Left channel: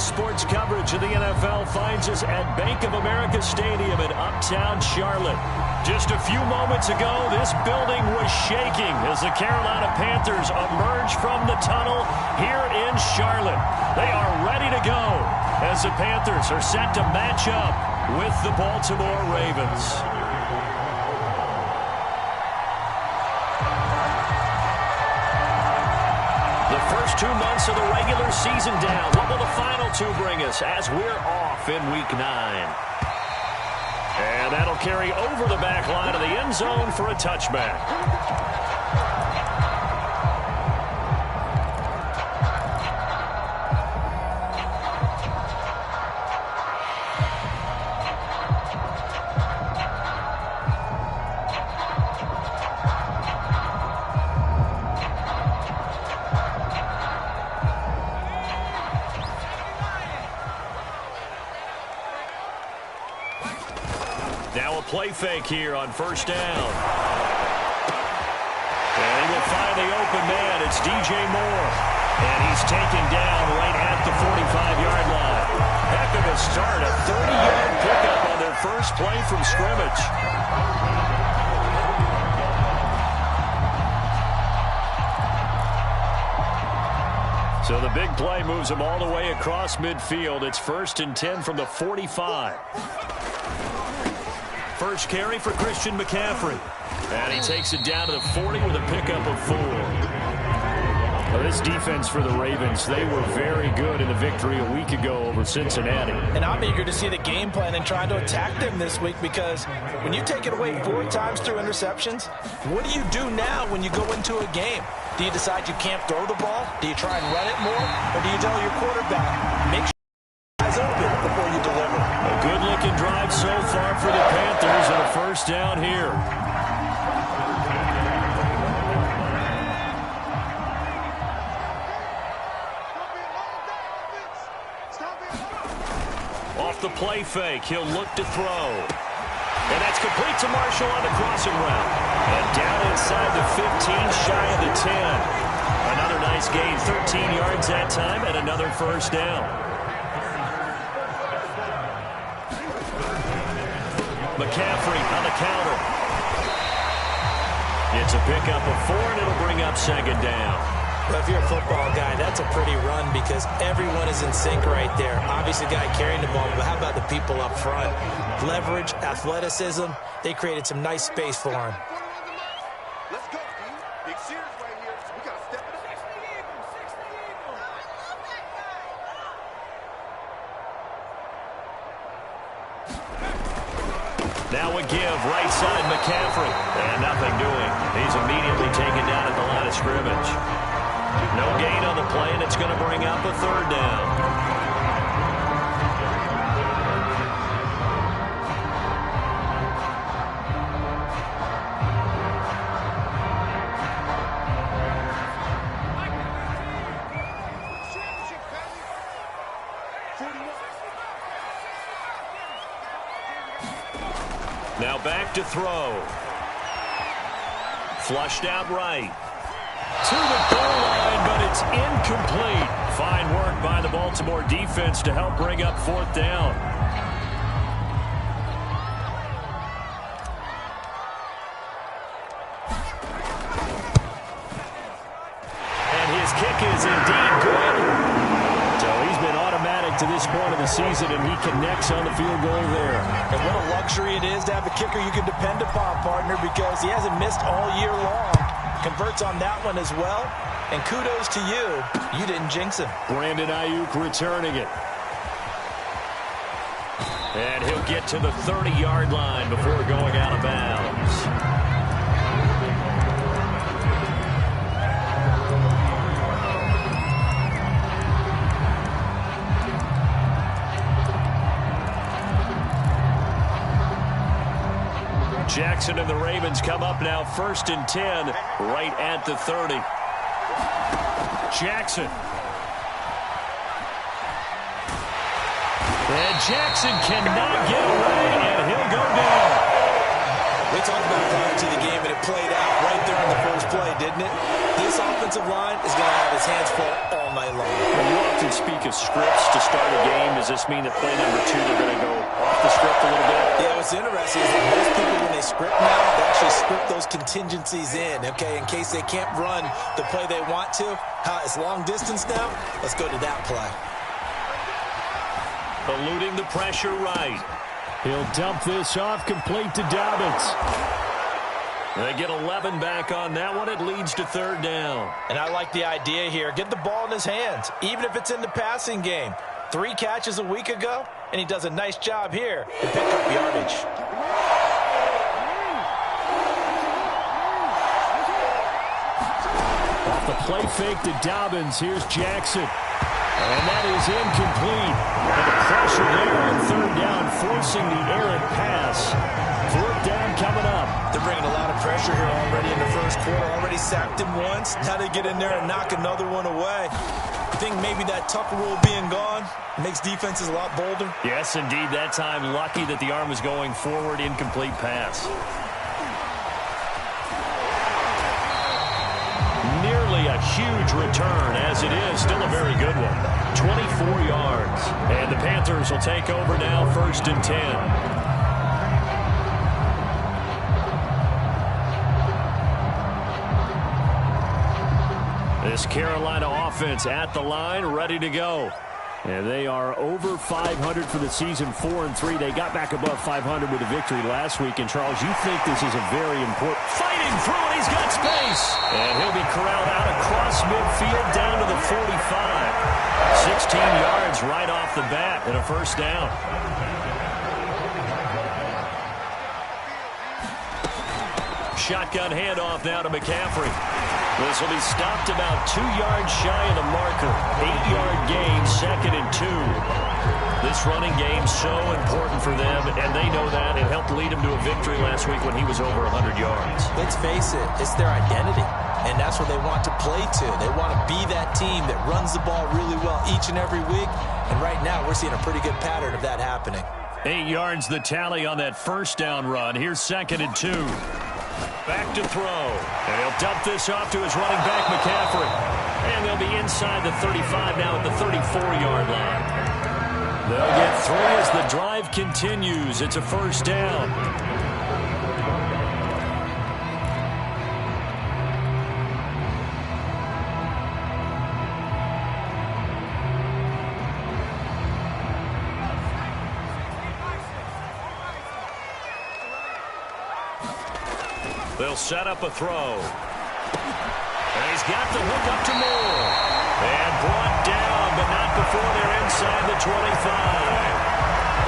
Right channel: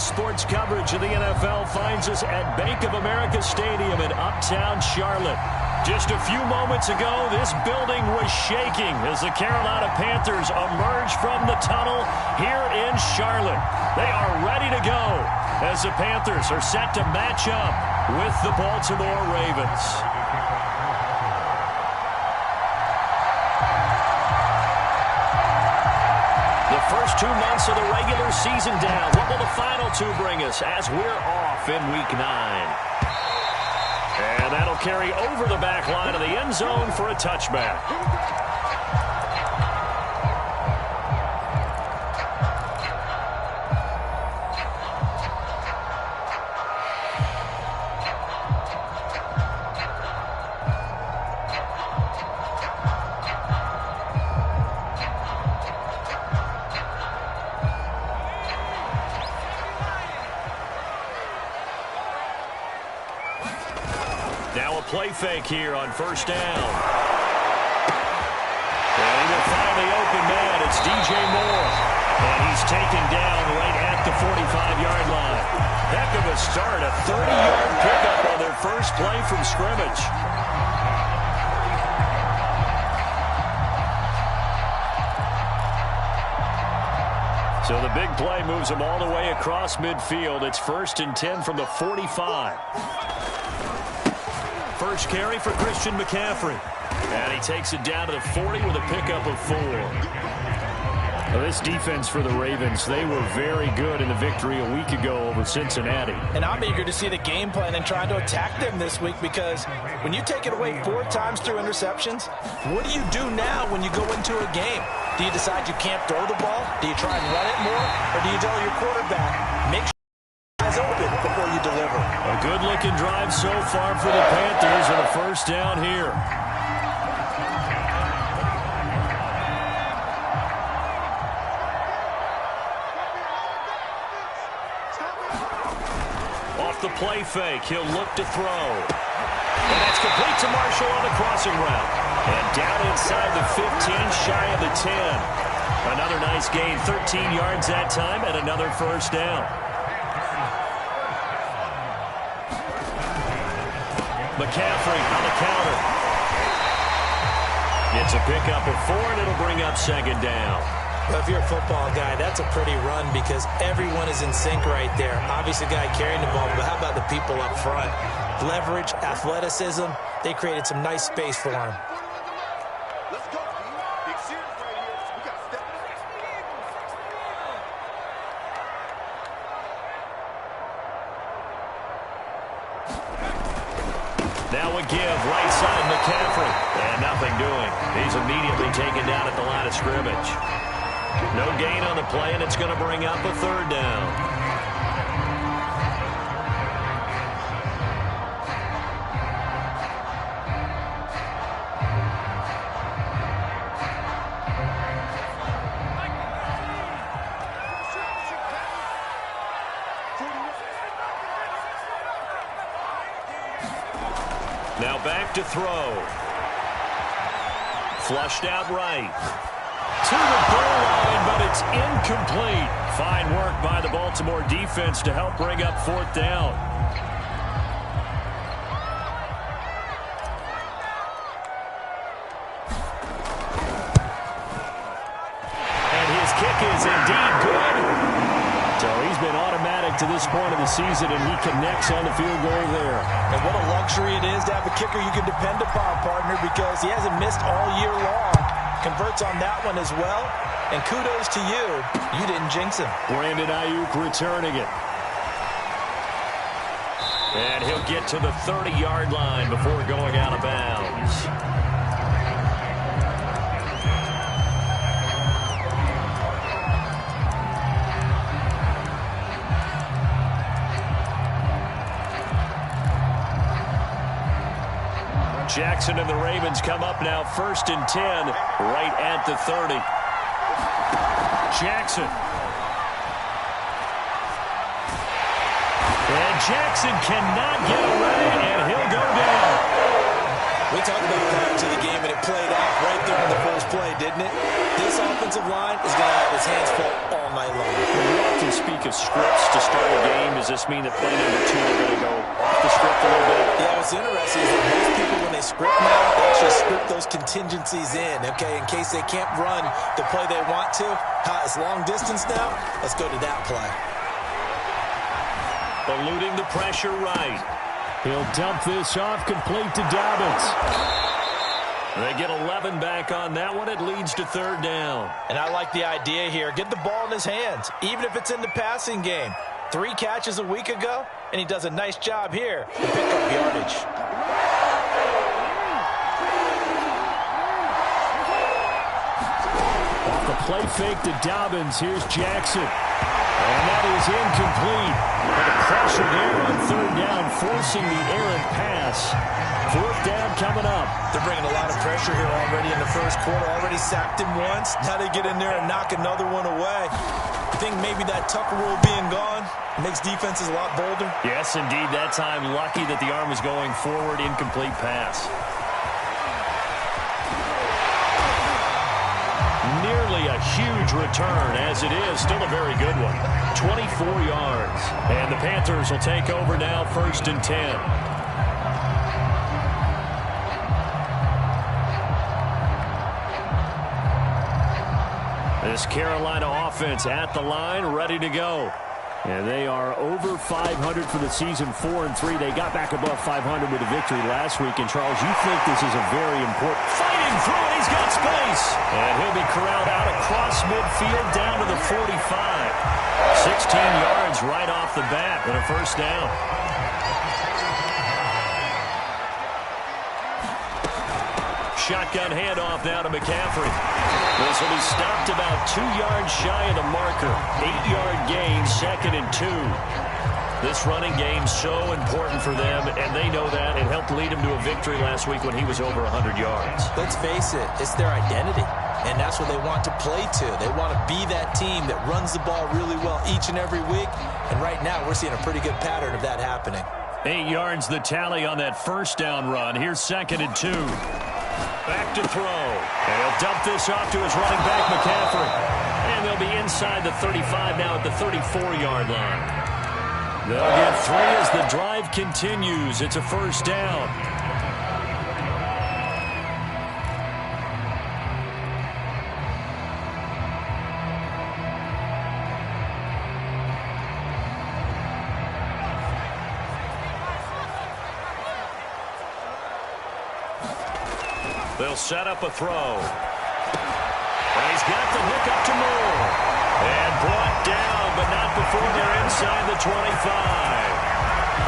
Sports coverage of the NFL finds us at Bank of America Stadium in uptown Charlotte. Just a few moments ago, this building was shaking as the Carolina Panthers emerged from the tunnel here in Charlotte. They are ready to go as the Panthers are set to match up with the Baltimore Ravens. The first 2 months of the regular season down. What will the final two bring us as we're off in Week 9? And that'll carry over the back line of the end zone for a touchback. Now a play fake here on first down. And he will find the open man. It's DJ Moore. And he's taken down right at the 45-yard line. Heck of a start. A 30-yard pickup on their first play from scrimmage. So the big play moves him all the way across midfield. It's 1st and 10 from the 45. First carry for Christian McCaffrey. And he takes it down to the 40 with a pickup of 4. Now this defense for the Ravens, they were very good in the victory a week ago over Cincinnati. And I'm eager to see the game plan and trying to attack them this week, because when you take it away 4 times through interceptions, what do you do now when you go into a game? Do you decide you can't throw the ball? Do you try and run it more? Or do you tell your quarterback, make sure eyes open before you deliver? A good-looking drive so far for the Panthers and a first down here. Off the play fake, he'll look to throw. And that's complete to Marshall on the crossing route. And down inside the 15, shy of the 10. Another nice gain, 13 yards that time, and another first down. McCaffrey on the counter. It's a pickup of 4, and it'll bring up 2nd down. Well, if you're a football guy, that's a pretty run because everyone is in sync right there. Obviously, the guy carrying the ball, but how about the people up front? Leverage, athleticism, they created some nice space for him. Let's go, Steve. Big series right here. We got to step it up. Now a give, right side McCaffrey. And nothing doing. He's immediately taken down at the line of scrimmage. No gain on the play, and it's going to bring up a 3rd down. Now back to throw. Flushed out right. To the goal line, but it's incomplete. Fine work by the Baltimore defense to help bring up 4th down. And his kick is indeed good. So he's been automatic to this point of the season, and he connects on the field goal there. And what a luxury it is to have a kicker you can depend upon, partner, because he hasn't missed all year long. Converts on that one as well. And kudos to you. You didn't jinx him. Brandon Ayuk returning it. And he'll get to the 30-yard line before going out of bounds. Jackson and the Ravens come up now 1st and 10 right at the 30. Jackson. And Jackson cannot get away, and he'll go down. We talked about prior to the game, and it played out right there on the first play, didn't it? This offensive line is going to have his hands full all night long. When you often speak of scripts to start a game, does this mean that play number 2, they're going to go off the script a little bit? Yeah, what's interesting is that most people, when they script now, they actually script those contingencies in, okay, in case they can't run the play they want to. It's long distance now. Let's go to that play. Eluding the pressure right. He'll dump this off, complete to Dobbins. They get 11 back on that one. It leads to third down. And I like the idea here. Get the ball in his hands, even if it's in the passing game. 3 catches a week ago, and he does a nice job here to pick up yardage. Off the play fake to Dobbins. Here's Jackson. And that is incomplete. But the pressure there on third down, forcing the errant pass. Fourth down coming up. They're bringing a lot of pressure here already in the first quarter. Already sacked him once. Now they get in there and knock another one away. I think maybe that Tucker rule being gone makes defenses a lot bolder. Yes, indeed. That time, lucky that the arm was going forward. Incomplete pass. Nearly a huge return, as it is. Still a very good one. 24 yards. And the Panthers will take over now, 1st and 10. This Carolina offense at the line, ready to go. And they are over 500 for the season, 4-3. They got back above 500 with a victory last week. And, Charles, you think this is a very important... Fighting through it, he's got space. And he'll be corralled out across midfield down to the 45. 16 yards right off the bat and a first down. Shotgun handoff now to McCaffrey. This will be stopped about 2 yards shy of the marker. 8-yard gain, 2nd and 2. This running game so important for them, and they know that. It helped lead them to a victory last week when he was over 100 yards. Let's face it, it's their identity, and that's what they want to play to. They want to be that team that runs the ball really well each and every week, and right now we're seeing a pretty good pattern of that happening. 8 yards the tally on that first down run. Here's 2nd and 2. Back to throw. And he'll dump this off to his running back, McCaffrey. And they'll be inside the 35 now at the 34-yard line. They'll get 3 as the drive continues. It's a first down. They'll set up a throw. And he's got the hook up to Moore. And brought down, but not before they're inside the 25.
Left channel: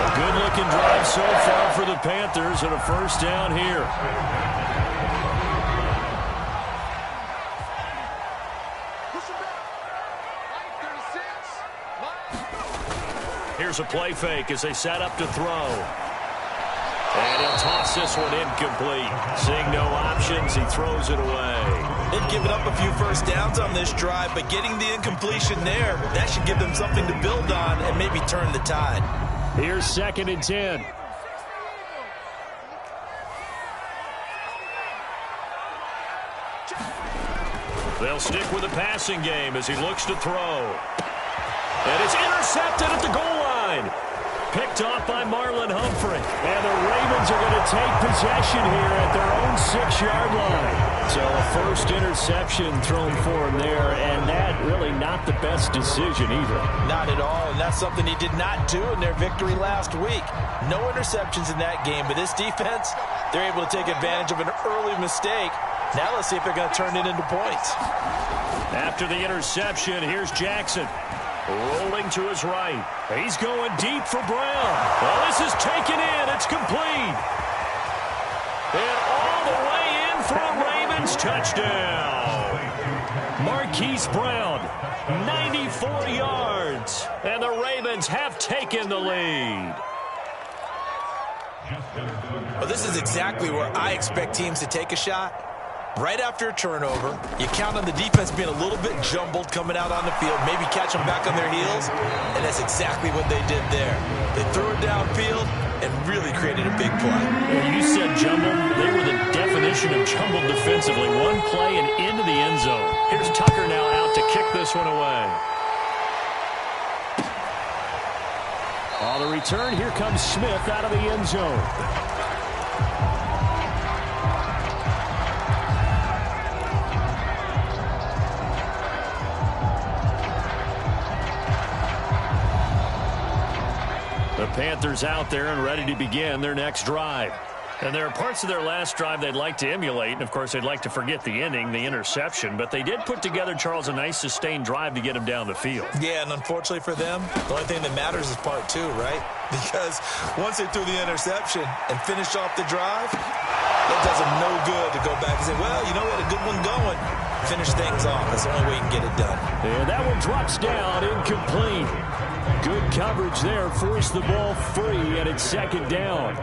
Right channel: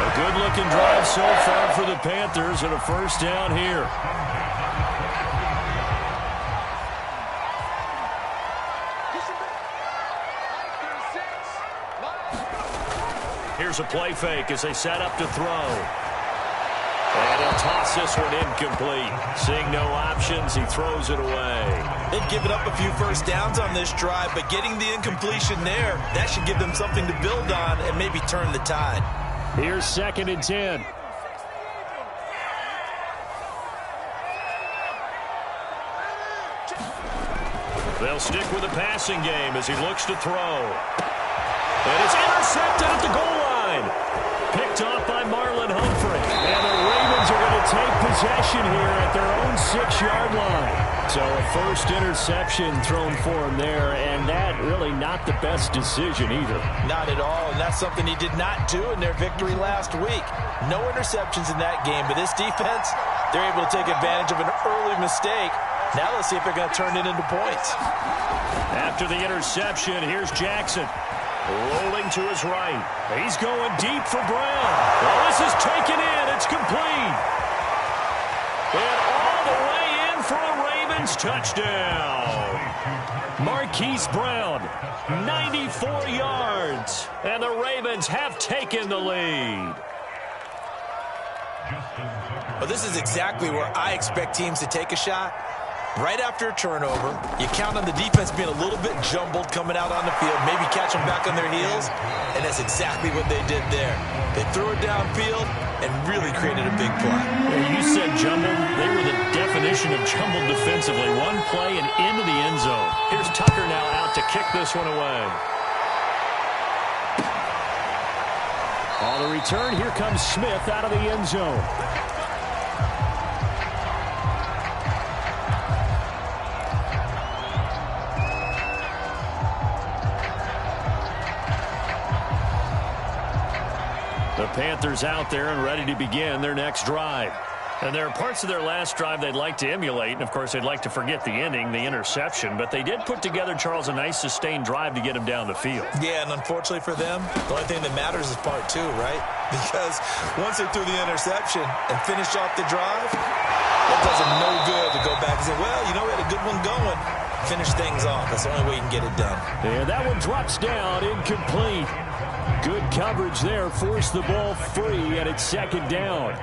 A good-looking drive so far for the Panthers and a first down here. Here's a play fake as they set up to throw. And he'll toss this one incomplete. Seeing no options, he throws it away. They've given up a few first downs on this drive, but getting the incompletion there, that should give them something to build on and maybe turn the tide. Here's 2nd and 10. They'll stick with the passing game as he looks to throw. And it's intercepted at the goal line. Picked off by Marlon Humphrey. And the Ravens are going to take possession here at their own 6-yard line. So a first interception thrown for him there, and that really not the best decision either. Not at all, and that's something he did not do in their victory last week. No interceptions in that game, but this defense, they're able to take advantage of an early mistake. Now let's see if they're going to turn it into points. After the interception, here's Jackson. Rolling to his right. He's going deep for Brown. Well, this is taken in. It's complete. And all the way in for a Ravens touchdown. Marquise Brown, 94 yards. And the Ravens have taken the lead. Well, this is exactly where I expect teams to take a shot. Right after a turnover, you count on the defense being a little bit jumbled coming out on the field, maybe catch them back on their heels, and that's exactly what they did there. They threw it downfield, and really created a big play. Yeah, you said jumbled. They were the definition of jumbled defensively. One play and into the end zone. Here's Tucker now out to kick this one away. On the return, here comes Smith out of the end zone. The Panthers out there and ready to begin their next drive. And there are parts of their last drive they'd like to emulate. And, of course, they'd like to forget the ending, the interception. But they did put together, Charles, a nice sustained drive to get them down the field. Yeah, and unfortunately for them, the only thing that matters is part two, right? Because once they threw the interception and finished off the drive, that does them no good to go back and say, well, you know, we had a good one going. Finish things off. That's the only way you can get it done. And that one drops down, incomplete. Good coverage there. Forced the ball free, and it's second down.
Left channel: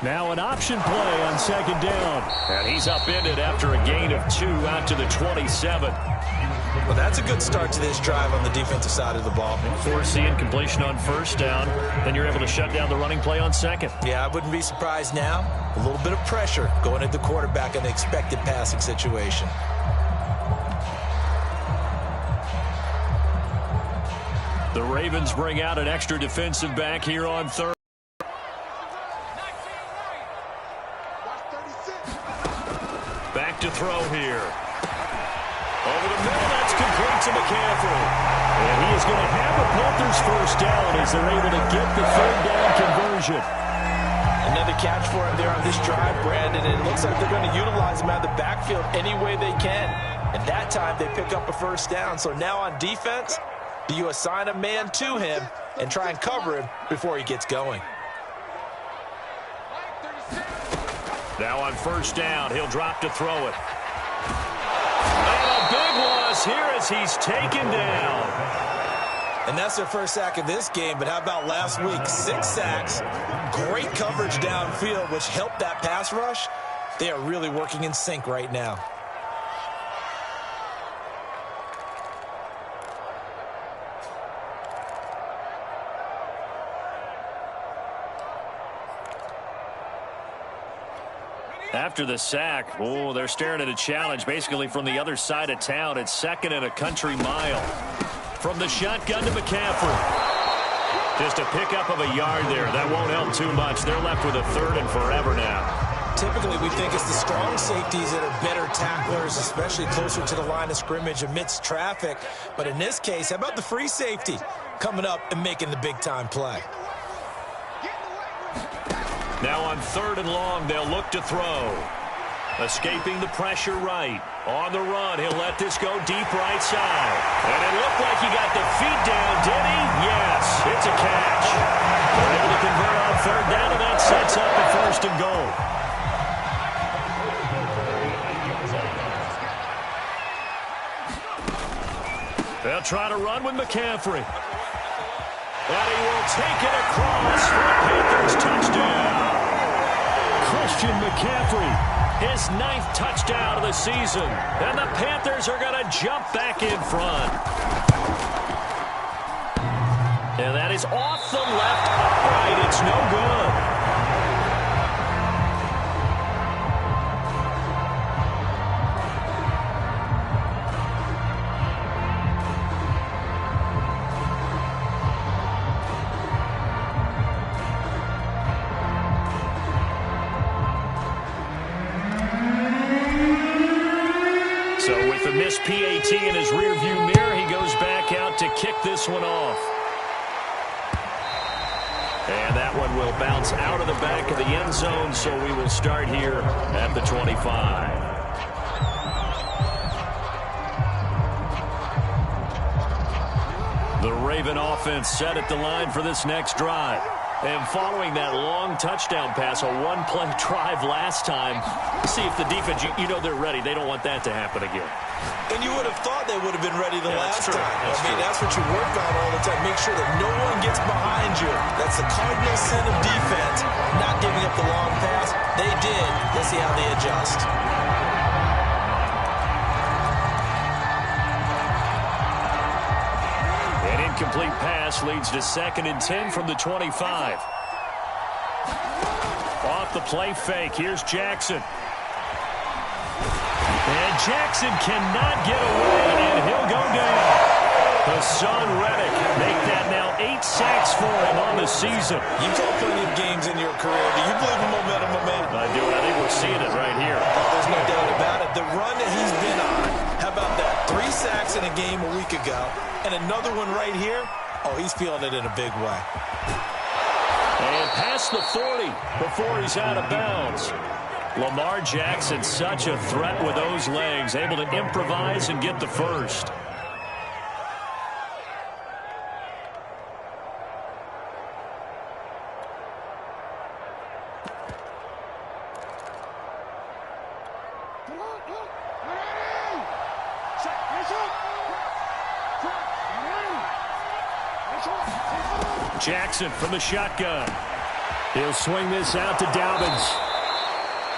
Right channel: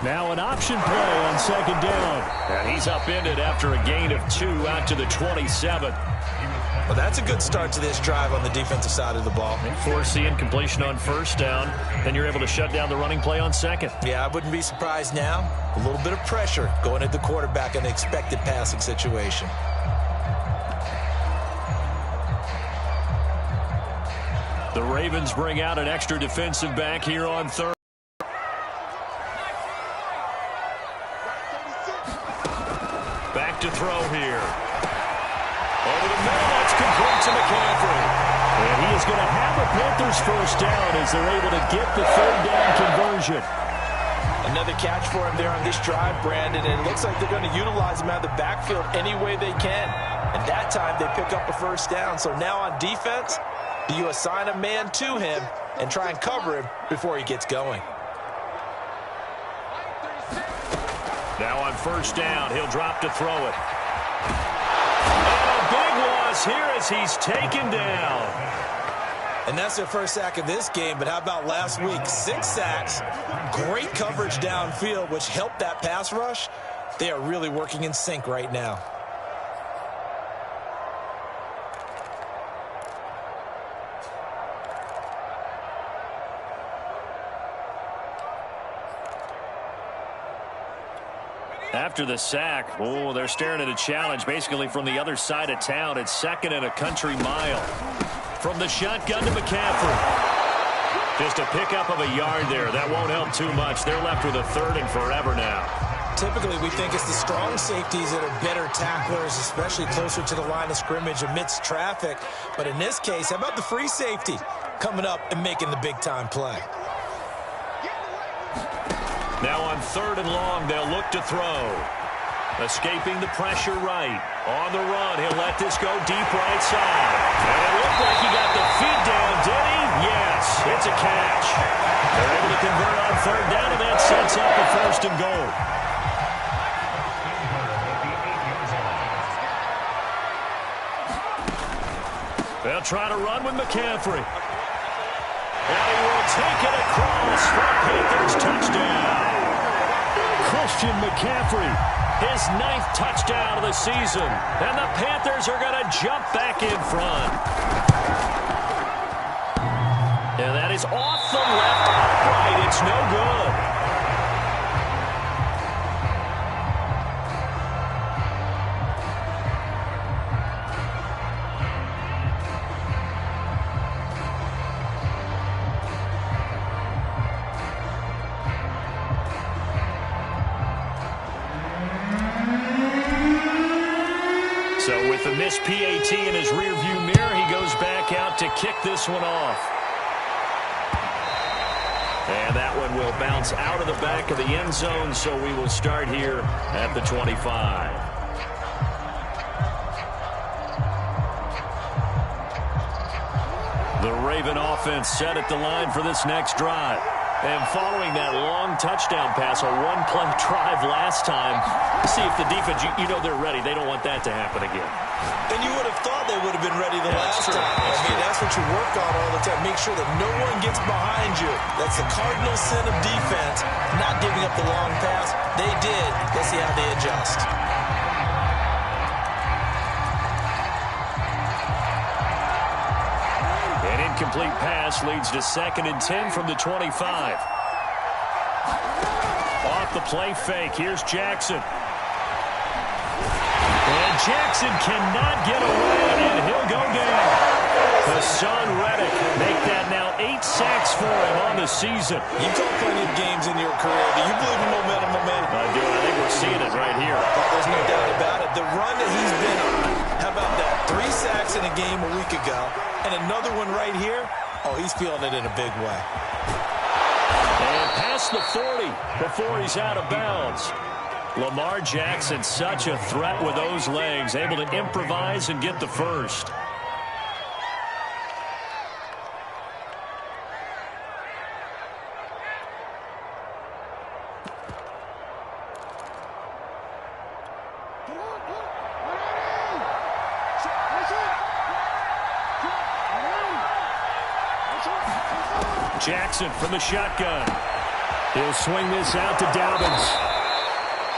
Now an option play on second down. And he's upended after a gain of 2 out to the 27. Well, that's a good start to this drive on the defensive side of the ball. Force the incompletion on first down. Then you're able to shut down the running play on second. Yeah, I wouldn't be surprised now. A little bit of pressure going at the quarterback in the expected passing situation. The Ravens bring out an extra defensive back here on third. Back to throw here. Over the middle, that's complete to McCaffrey. And he is going to have the Panthers first down as they're able to get the third down conversion. Another catch for him there on this drive, Brandon, and it looks like they're going to utilize him out of the backfield any way they can. And that time they pick up a first down. So now on defense, do you assign a man to him and try and cover him before he gets going? Now on first down, he'll drop to throw it. And a big loss here as he's taken down. And that's their first sack of this game, but how about last week? 6 sacks, great coverage downfield, which helped that pass rush. They are really working in sync right now. After the sack, oh, they're staring at a challenge basically from the other side of town. It's second and a country mile. From the shotgun to McCaffrey. Just a pickup of a yard there. That won't help too much. They're left with a third and forever now. Typically, we think it's the strong safeties that are better tacklers, especially closer to the line of scrimmage amidst traffic. But in this case, how about the free safety coming up and making the big-time play? Now on third and long, they'll look to throw. Escaping the pressure right. On the run, he'll let this go deep right side. And it looked like he got the feet down, did he? Yes, it's a catch. They're able to convert on third down, and that sets up a first and goal. They'll try to run with McCaffrey. And he will take it across for a Panthers touchdown. Christian McCaffrey, his 9th touchdown of the season. And the Panthers are going to jump back in front. And that is off the left upright. It's no good. So with the missed PAT in his rearview mirror, he goes back out to kick this one off. And that one will bounce out of the back of the end zone, so we will start here at the 25. The Raven offense set at the line for this next drive. And following that long touchdown pass, a one-play drive last time, see if the defense, you know they're ready. They don't want that to happen again. And you would have thought they would have been ready the last time. That's what you work on all the time. Make sure that no one gets behind you. That's the cardinal sin of defense, not giving up the long pass. They did. Let's see how they adjust. Incomplete pass leads to 2nd and 10 from the 25. Off the play fake. Here's Jackson. And Jackson cannot get away, and he'll go down. Hassan Reddick make that now 8 sacks for him on the season. You've called plenty of games in your career. Do you believe in momentum, my man? I do, and I think we're seeing it right here. Oh, there's no doubt about it. The run that he's been on, how about that? 3 sacks in a game a week ago, and another one right here. Oh, he's feeling it in a big way. And past the 40 before he's out of bounds. Lamar Jackson, such a threat with those legs, able to improvise and get the first. Jackson from the shotgun. He'll swing this out to Dobbins.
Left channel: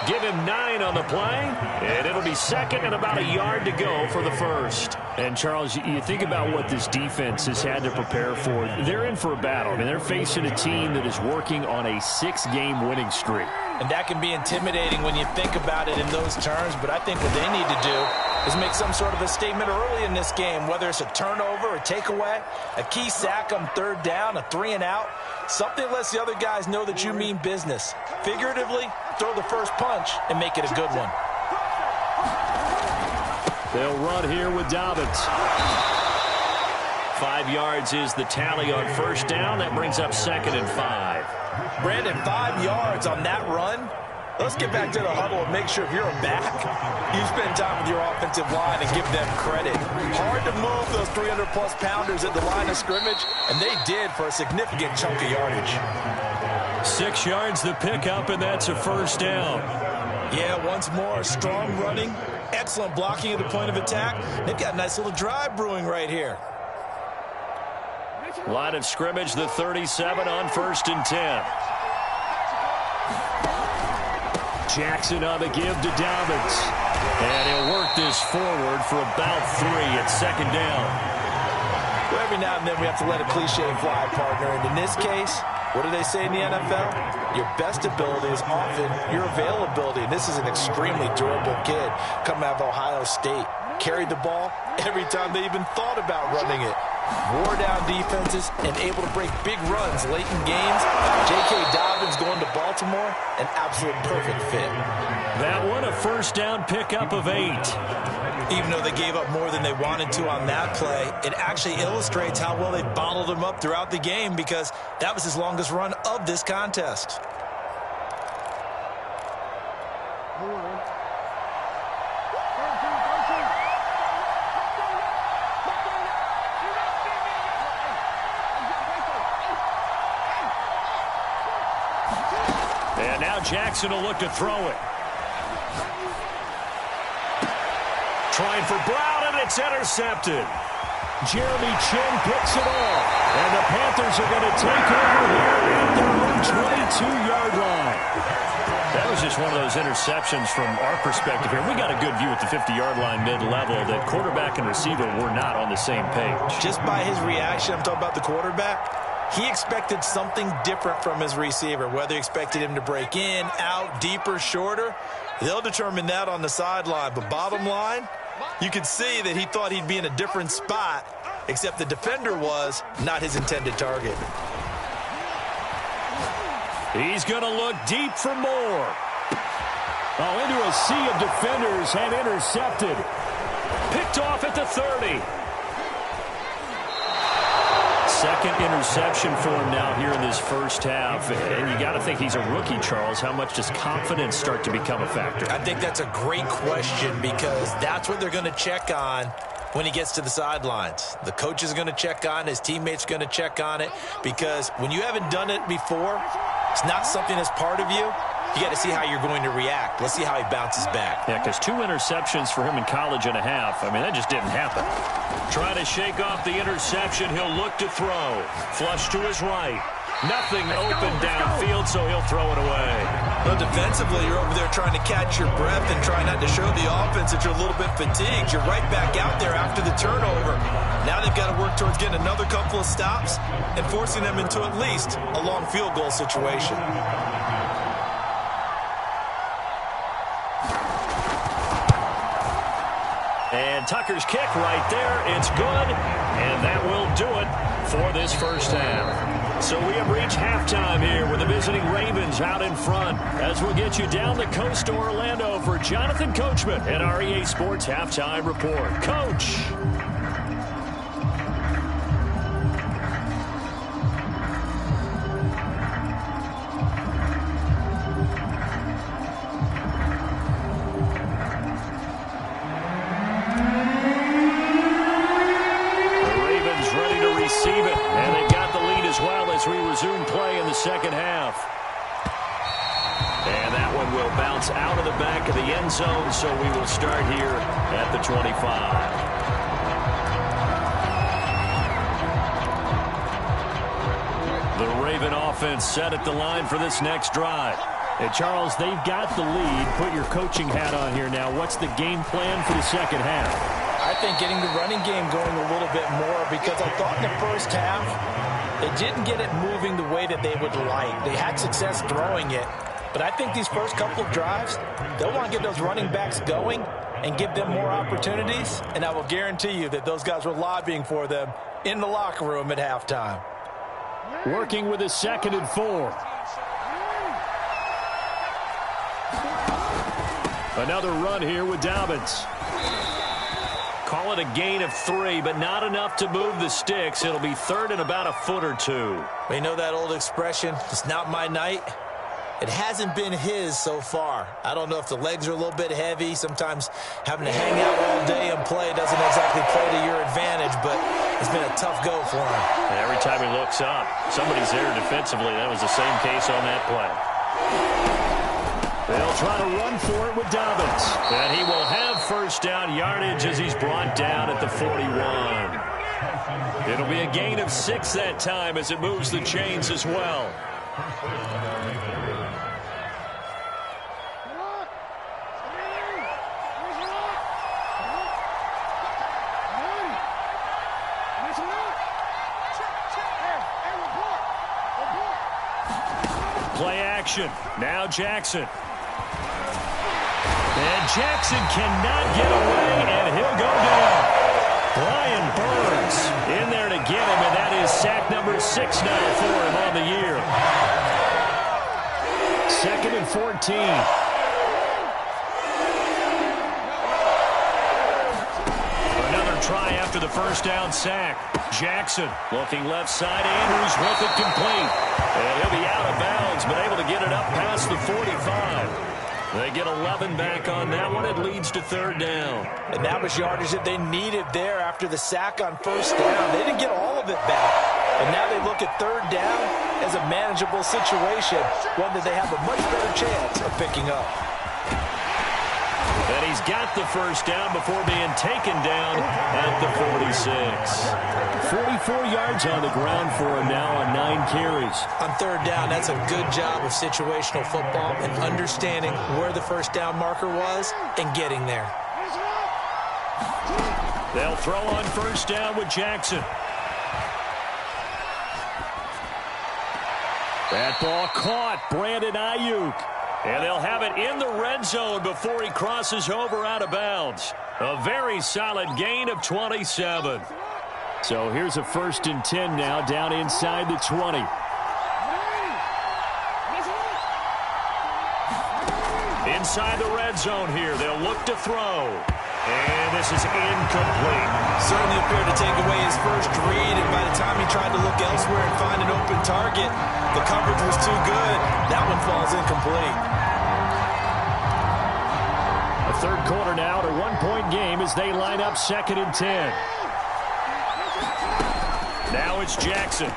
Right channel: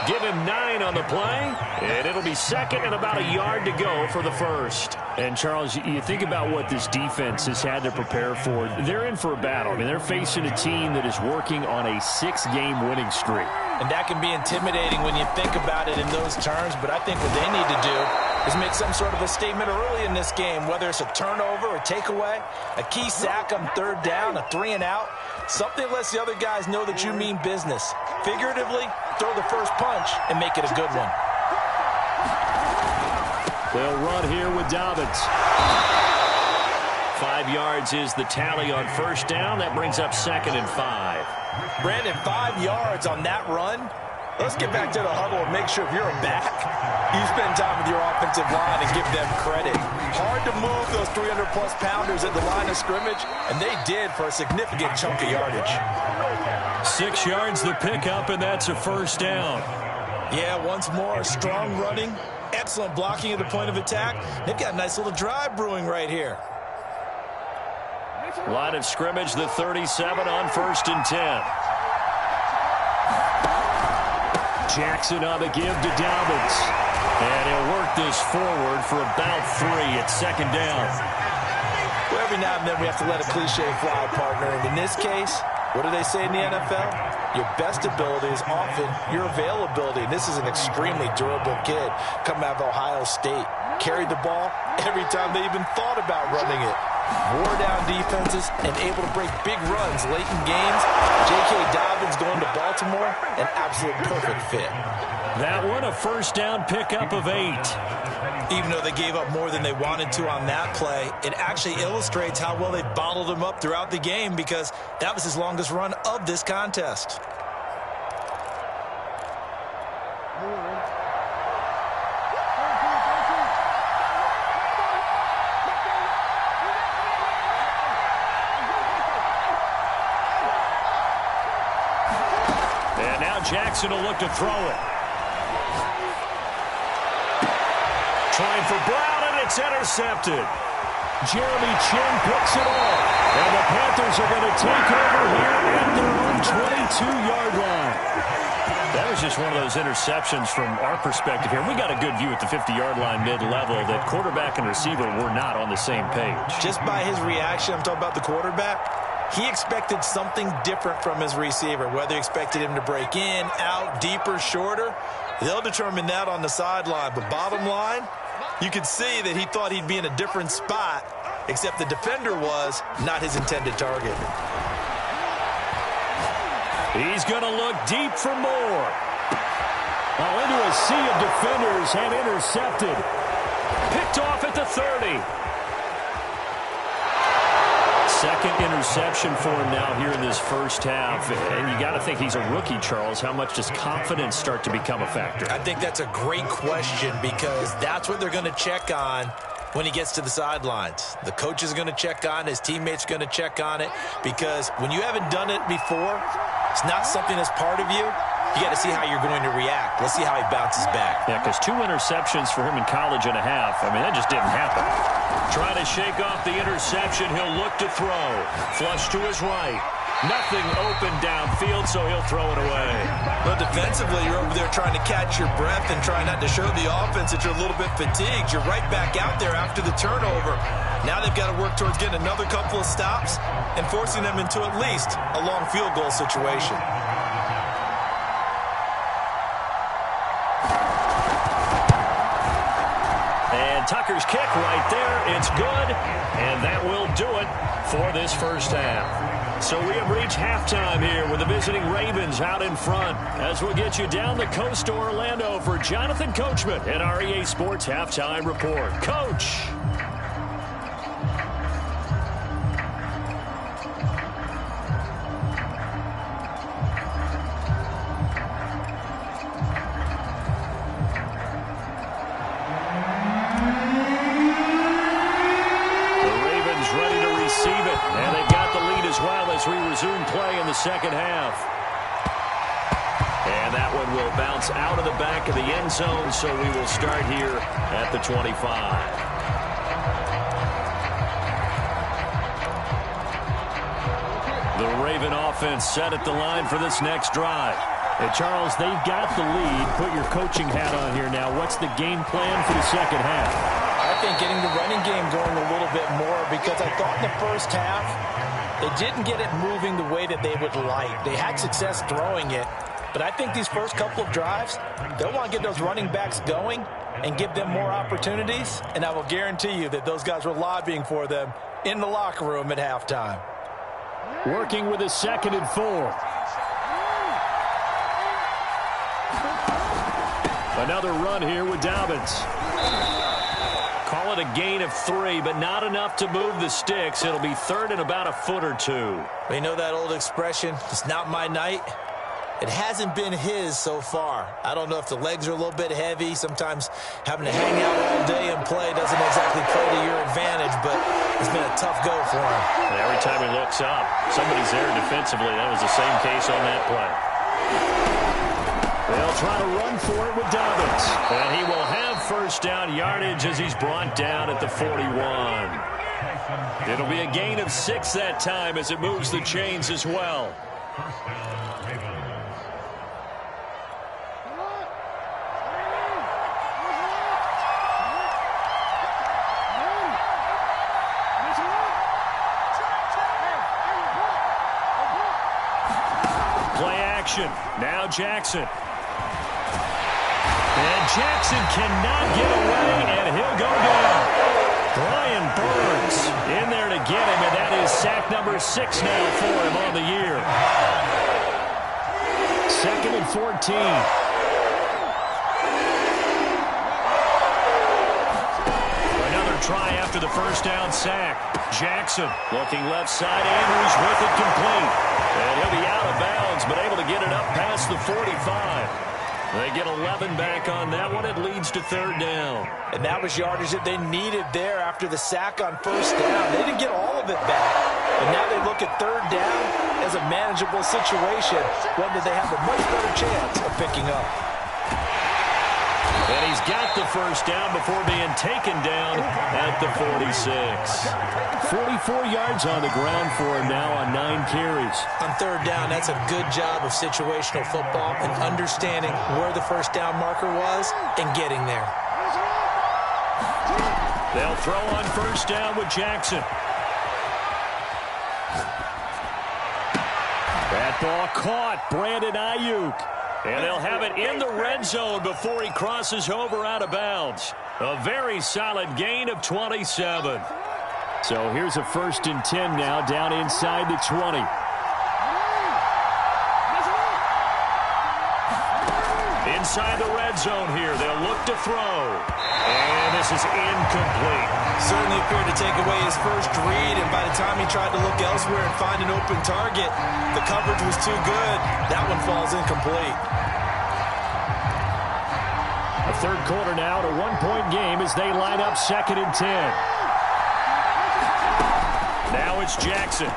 Give him 9 on the play, and it'll be 2nd and about a yard to go for the first. And, Charles, you think about what this defense has had to prepare for. They're in for a battle. I mean, they're facing a team that is working on a 6-game winning streak. And that can be intimidating when you think about it in those terms, but I think what they need to do is make some sort of a statement early in this game, whether it's a turnover, a takeaway, a key sack on 3rd down, a 3-and-out, something that lets the other guys know that you mean business. Figuratively, throw the first punch and make it a good one. They'll run here with Dobbins. 5 yards is the tally on 1st down. That brings up 2nd and 5. Brandon, 5 yards on that run. Let's get back to the huddle and make sure if you're a back, you spend time with your offensive line and give them credit. Hard to move those 300-plus pounders at the line of scrimmage, and they did for a significant chunk of yardage. 6 yards the pickup, and that's a 1st down. Yeah, once more, strong running, excellent blocking at the point of attack. They've got a nice little drive brewing right here. Line of scrimmage, the 37 on 1st and 10. Jackson on the give to Dobbins. And he'll work this forward for about 3 at 2nd down. Well, every now and then we have to let a cliche fly, partner. And in this case, what do they say in the NFL? Your best ability is often your availability. And this is an extremely durable kid coming out of Ohio State. Carried the ball every time they even thought about running it. Wore down defenses and able to break big runs late in games. J.K. Dobbins going to Baltimore, an absolute perfect fit. That one, a 1st down pickup of 8. Even though they gave up more than they wanted to on that play, it actually illustrates how well they bottled him up throughout the game because that was his longest run of this contest. And now Jackson will look to throw it. Trying for Brown, and it's intercepted. Jeremy Chinn picks it off. And the Panthers are going to take over here at their own 22-yard line. That was just one of those interceptions from our perspective here. We got a good view at the 50-yard line mid-level that quarterback and receiver were not on the same page. Just by his reaction, I'm talking about the quarterback, he expected something different from his receiver, whether he expected him to break in, out, deeper, shorter. They'll determine that on the sideline. But bottom line, you could see that he thought he'd be in a different spot, except the defender was not his intended target. He's going to look deep for more. Oh, into a sea of defenders and intercepted. Picked off at the 30. Second interception for him now here in this first half. And you got to think he's a rookie, Charles. How much does confidence start to become a factor? I think that's a great question because that's what they're going to check on when he gets to the sidelines. The coach is going to check on it. His teammates are going to check on it because when you haven't done it before, it's not something that's part of you. You got to see how you're going to react. Let's see how he bounces back. Yeah, because 2 interceptions for him in college and a half. I mean, that just didn't happen. Trying to shake off the interception. He'll look to throw. Flush to his right. Nothing open downfield, so he'll throw it away. Well, defensively, you're over there trying to catch your breath and try not to show the offense that you're a little bit fatigued. You're right back out there after the turnover. Now they've got to work towards getting another couple of stops and forcing them into at least a long field goal situation. And Tucker's kick right there. It's good, and that will do it for this first half. So we have reached halftime here with the visiting Ravens out in front. As we'll get you down the coast to Orlando for Jonathan Coachman at our EA Sports Halftime Report. Coach. Ready to receive it, and they've got the lead as well as we resume play in the second half. And that one will bounce out of the back of the end zone, so we will start here at the 25. The Raven offense set at the line for this next drive. Hey, Charles, they've got the lead. Put your coaching hat on here now. What's the game plan for the second half? I think getting the running game going a little bit more, because I thought in the first half they didn't get it moving the way that they would like. They had success throwing it, but I think these first couple of drives, they'll want to get those running backs going and give them more opportunities, and I will guarantee you that those guys were lobbying for them in the locker room at halftime. Working with a 2nd and 4. Another run here with Dobbins. Call it a gain of 3, but not enough to move the sticks. It'll be 3rd and about a foot or 2. We know that old expression, it's not my night. It hasn't been his so far. I don't know if the legs are a little bit heavy. Sometimes having to hang out all day and play doesn't exactly play to your advantage, but it's been a tough go for him. And every time he looks up, somebody's there defensively. That was the same case on that play. They'll try to run for it with Dobbins. And he will have first down yardage as he's brought down at the 41. It'll be a gain of 6 that time as it moves the chains as well. Play action. Now Jackson. And Jackson cannot get away, and he'll go down. Brian Burns in there to get him, and that is sack number 6 now for him on the year. 2nd and 14. Another try after the first down sack. Jackson looking left side. Andrews with it complete. And he'll be out of bounds, but able to get it up past the 45. They get 11 back on that one. It leads to 3rd down. And that was yardage that they needed there after the sack on first down. They didn't get all of it back. And now they look at 3rd down as a manageable situation, one that they have a much better chance of picking up. And he's got the first down before being taken down at the 46. 44 yards on the ground for him now on 9 carries. On 3rd down, that's a good job of situational football and understanding where the first down marker was and getting there. They'll throw on first down with Jackson. That ball caught. Brandon Ayuk. And they'll have it in the red zone before he crosses over out of bounds. A very solid gain of 27. So here's a 1st and 10 now down inside the 20. Inside the red zone here. They'll look to throw. And this is incomplete. Certainly appeared to take away his first read, and by the time he tried to look elsewhere and find an open target, the coverage was too good. That one falls incomplete. A 3rd quarter now, to 1-point game as they line up 2nd and 10. Now it's Jackson.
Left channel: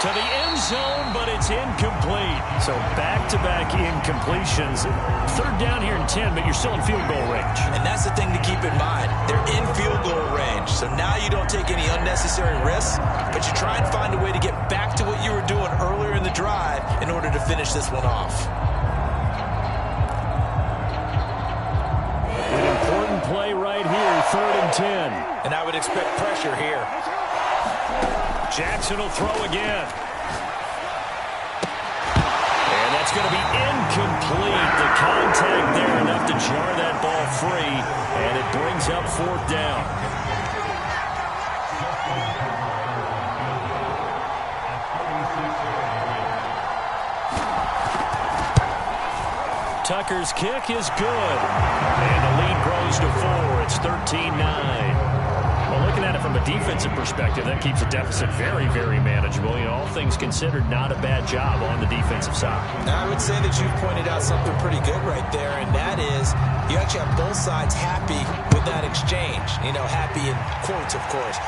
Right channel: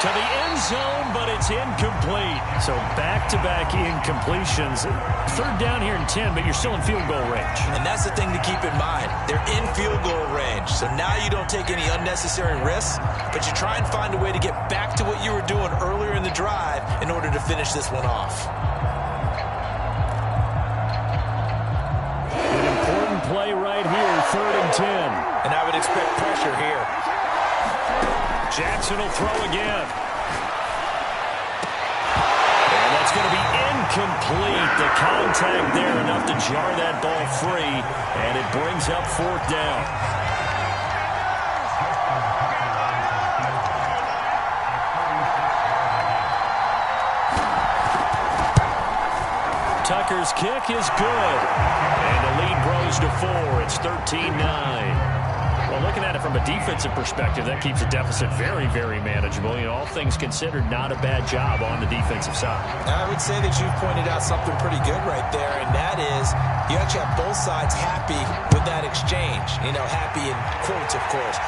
To the end zone, but it's incomplete. So back-to-back incompletions. Third down here and 10, but you're still in field goal range. And that's the thing to keep in mind. They're in field goal range. So now you don't take any unnecessary risks, but you try and find a way to get back to what you were doing earlier in the drive in order to finish this one off. An important play right here, 3rd and 10. And I would expect pressure here. Jackson will throw again. And that's going to be incomplete. The contact there enough to jar that ball free, and it brings up 4th down. Tucker's kick is good. And the lead grows to 4. It's 13-9. Well, looking at it from a defensive perspective, that keeps the deficit very, very manageable. You know, all things considered, not a bad job on the defensive side. I would say that you've pointed out something pretty good right there, and that is you actually have both sides happy with that exchange. You know, happy in quotes, of course.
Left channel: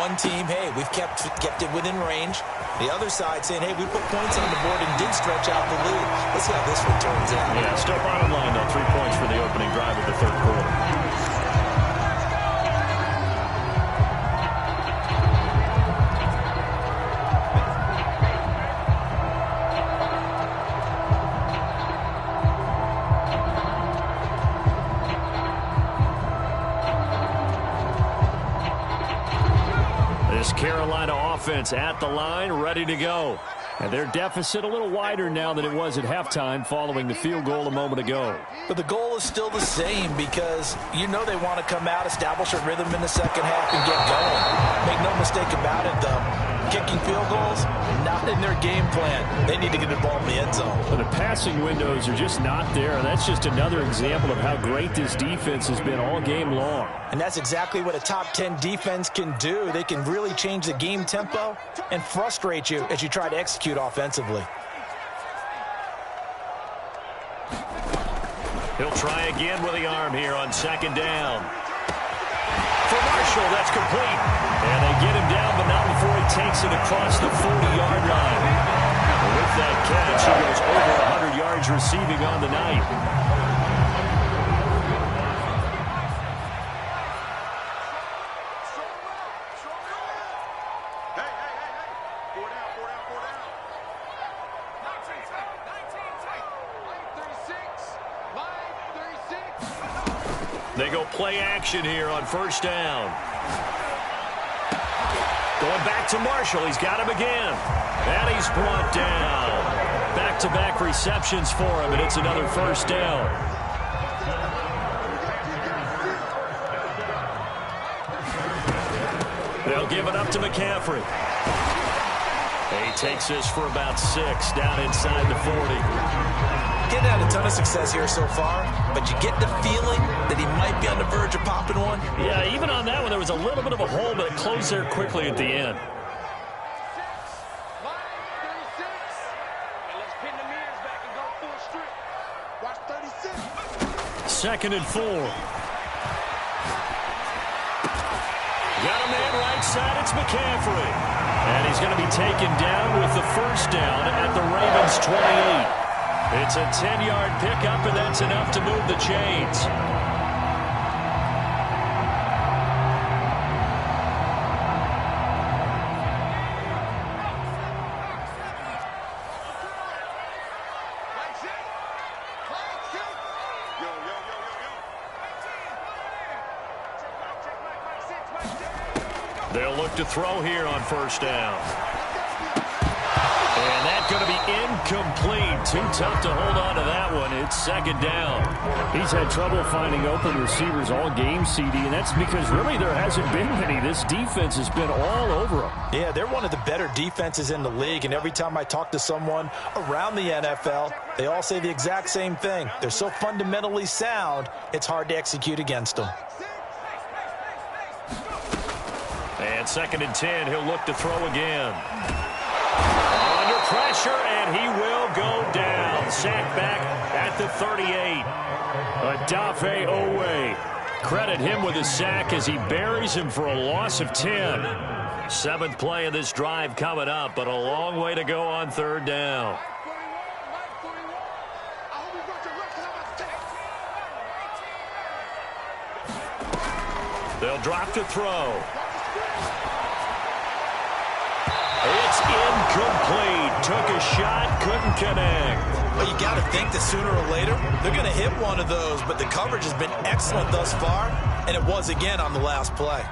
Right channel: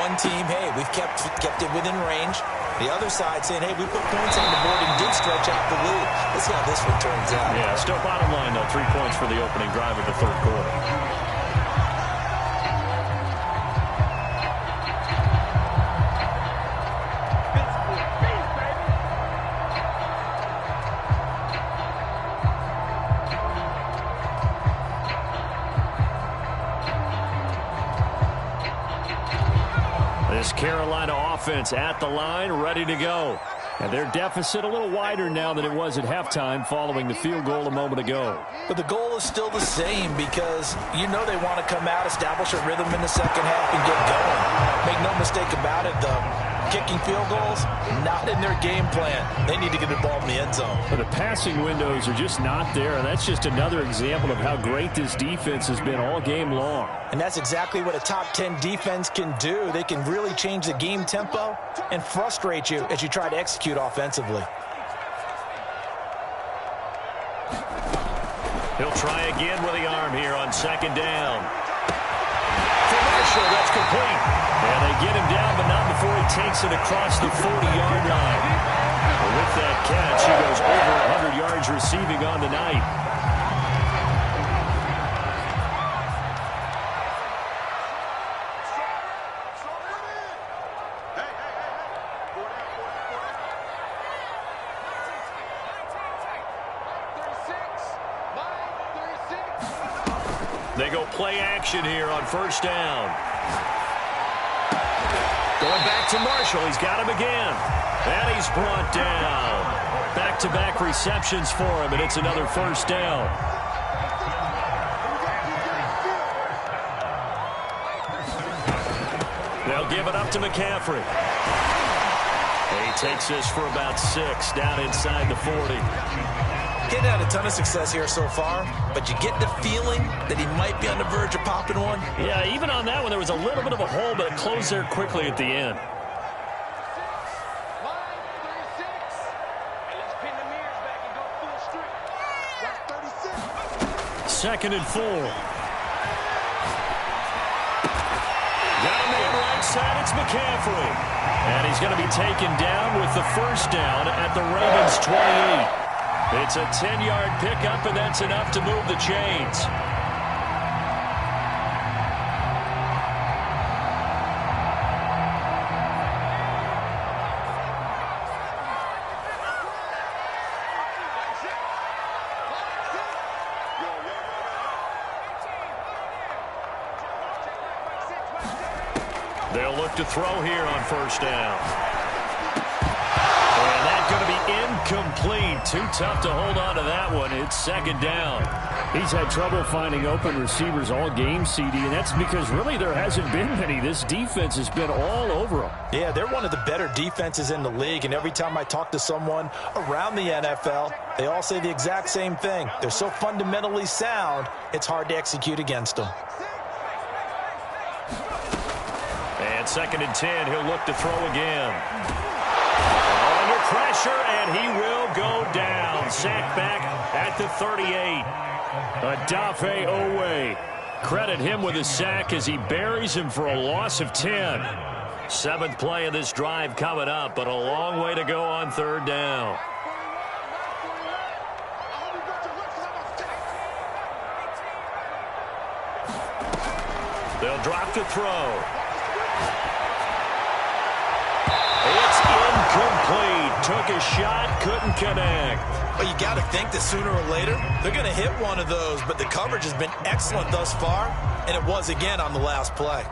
One team, hey, we've kept it within range. The other side saying, hey, we put points on the board and did stretch out the lead. Let's see how this one turns out. Yeah, still bottom line, though, 3 points for the opening drive of the 3rd quarter. This Carolina offense at the line, ready to go. And their deficit a little wider now than it was at halftime following the field goal a moment ago. But the goal is still the same because you know they want to come out, establish a rhythm in the second half, and get going. Make no mistake about it, though. Kicking field goals, not in their game plan. They need to get the ball in the end zone. But the passing windows are just not there, and that's just another example of how great this defense has been all game long. And that's exactly what a top 10 defense can do. They can really change the game tempo and frustrate you as you try to execute offensively. He'll try again with the arm here on 2nd down. For Marshall, that's complete. And they get him down, but not before he takes it across the 40-yard line. With that catch, he goes over 100 yards receiving on the night. They go play action here on 1st down. Going back to Marshall. He's got him again. And he's brought down. Back-to-back receptions for him, and it's another 1st down. They'll give it up to McCaffrey. He takes this for about 6 down inside the 40. Getting had a ton of success here so far, but you get the feeling that he might be on the verge of popping one. Yeah, even on that one, there was a little bit of a hole, but it closed there quickly at the end. 2nd and 4. Got a man right side, it's McCaffrey. And he's going to be taken down with the 1st down at the Ravens 28. It's a 10-yard pickup, and that's enough to move the chains. They'll look to throw here on 1st down. And that's going to be incomplete. Too tough to hold on to that one. It's 2nd down. He's had trouble finding open receivers all game, CD, and that's because really there hasn't been many. This defense has been all over them. Yeah, they're one of the better defenses in the league, and every time I talk to someone around the NFL, they all say the exact same thing. They're so fundamentally sound, it's hard to execute against them. And 2nd and 10, he'll look to throw again. Under pressure, and he will go down. Sacked back at the 38. Odafe Oweh. Credit him with a sack as he buries him for a loss of 10. Seventh play of this drive coming up, but a long way to go on third down. They'll drop to throw. It's incomplete. Took a shot, couldn't connect. Well, you got to think that sooner or later they're going to hit one of those, but the coverage has been excellent thus far, and it was again on the last play.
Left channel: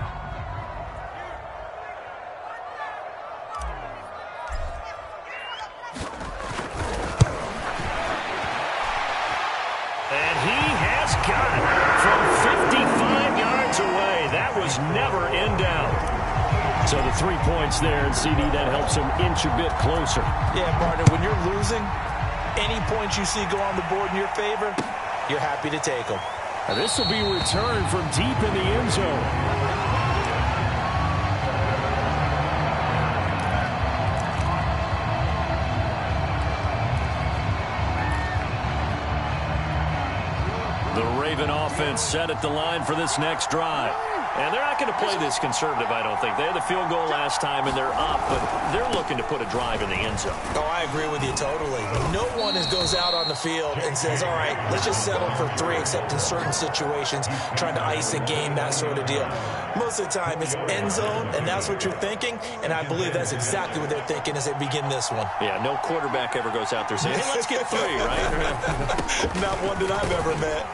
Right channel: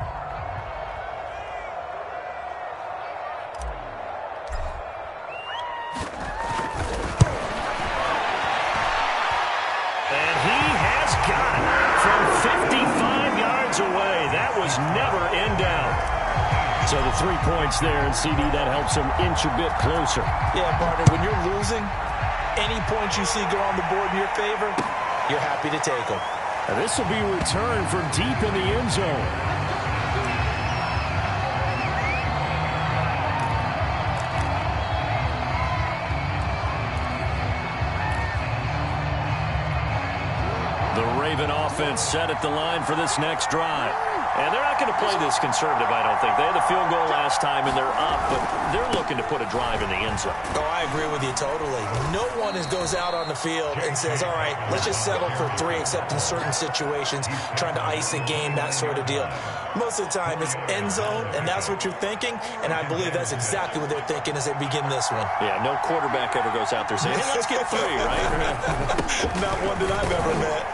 And he has got it from 55 yards away. That was never in doubt. So the 3 points there, and CD, that helps him inch a bit closer. Yeah, partner, when you're losing, any points you see go on the board in your favor, you're happy to take them. Now this will be returned from deep in the end zone. The Raven offense set at the line for this next drive. And they're not going to play this conservative, I don't think. They had the field goal last time, and they're up, but they're looking to put a drive in the end zone. Oh, I agree with you totally. No one goes out on the field and says, all right, let's just settle for 3, except in certain situations, trying to ice a game, that sort of deal. Most of the time, it's end zone, and that's what you're thinking, and I believe that's exactly what they're thinking as they begin this one. Yeah, no quarterback ever goes out there saying, hey, let's get 3, right? Not one that I've ever met.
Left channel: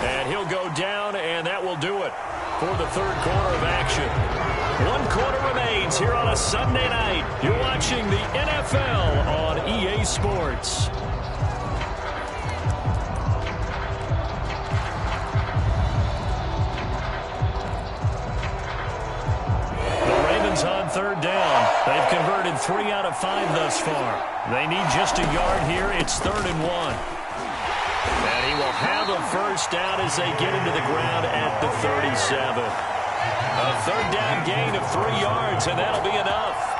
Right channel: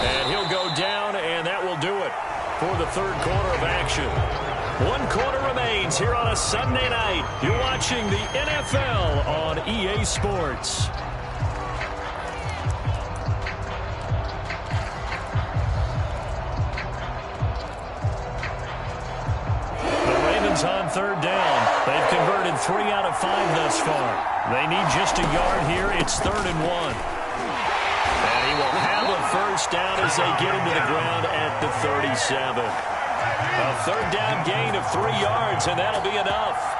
And he'll go down, and that will do it for the third quarter of action. 1 quarter remains here on a Sunday night. You're watching the NFL on EA Sports. The Ravens on third down. They've converted 3 out of 5 thus far. They need just a yard here. It's 3rd and 1. And he will have a first down as they get him to the ground at the 37. A third down gain of 3 yards, and that'll be enough.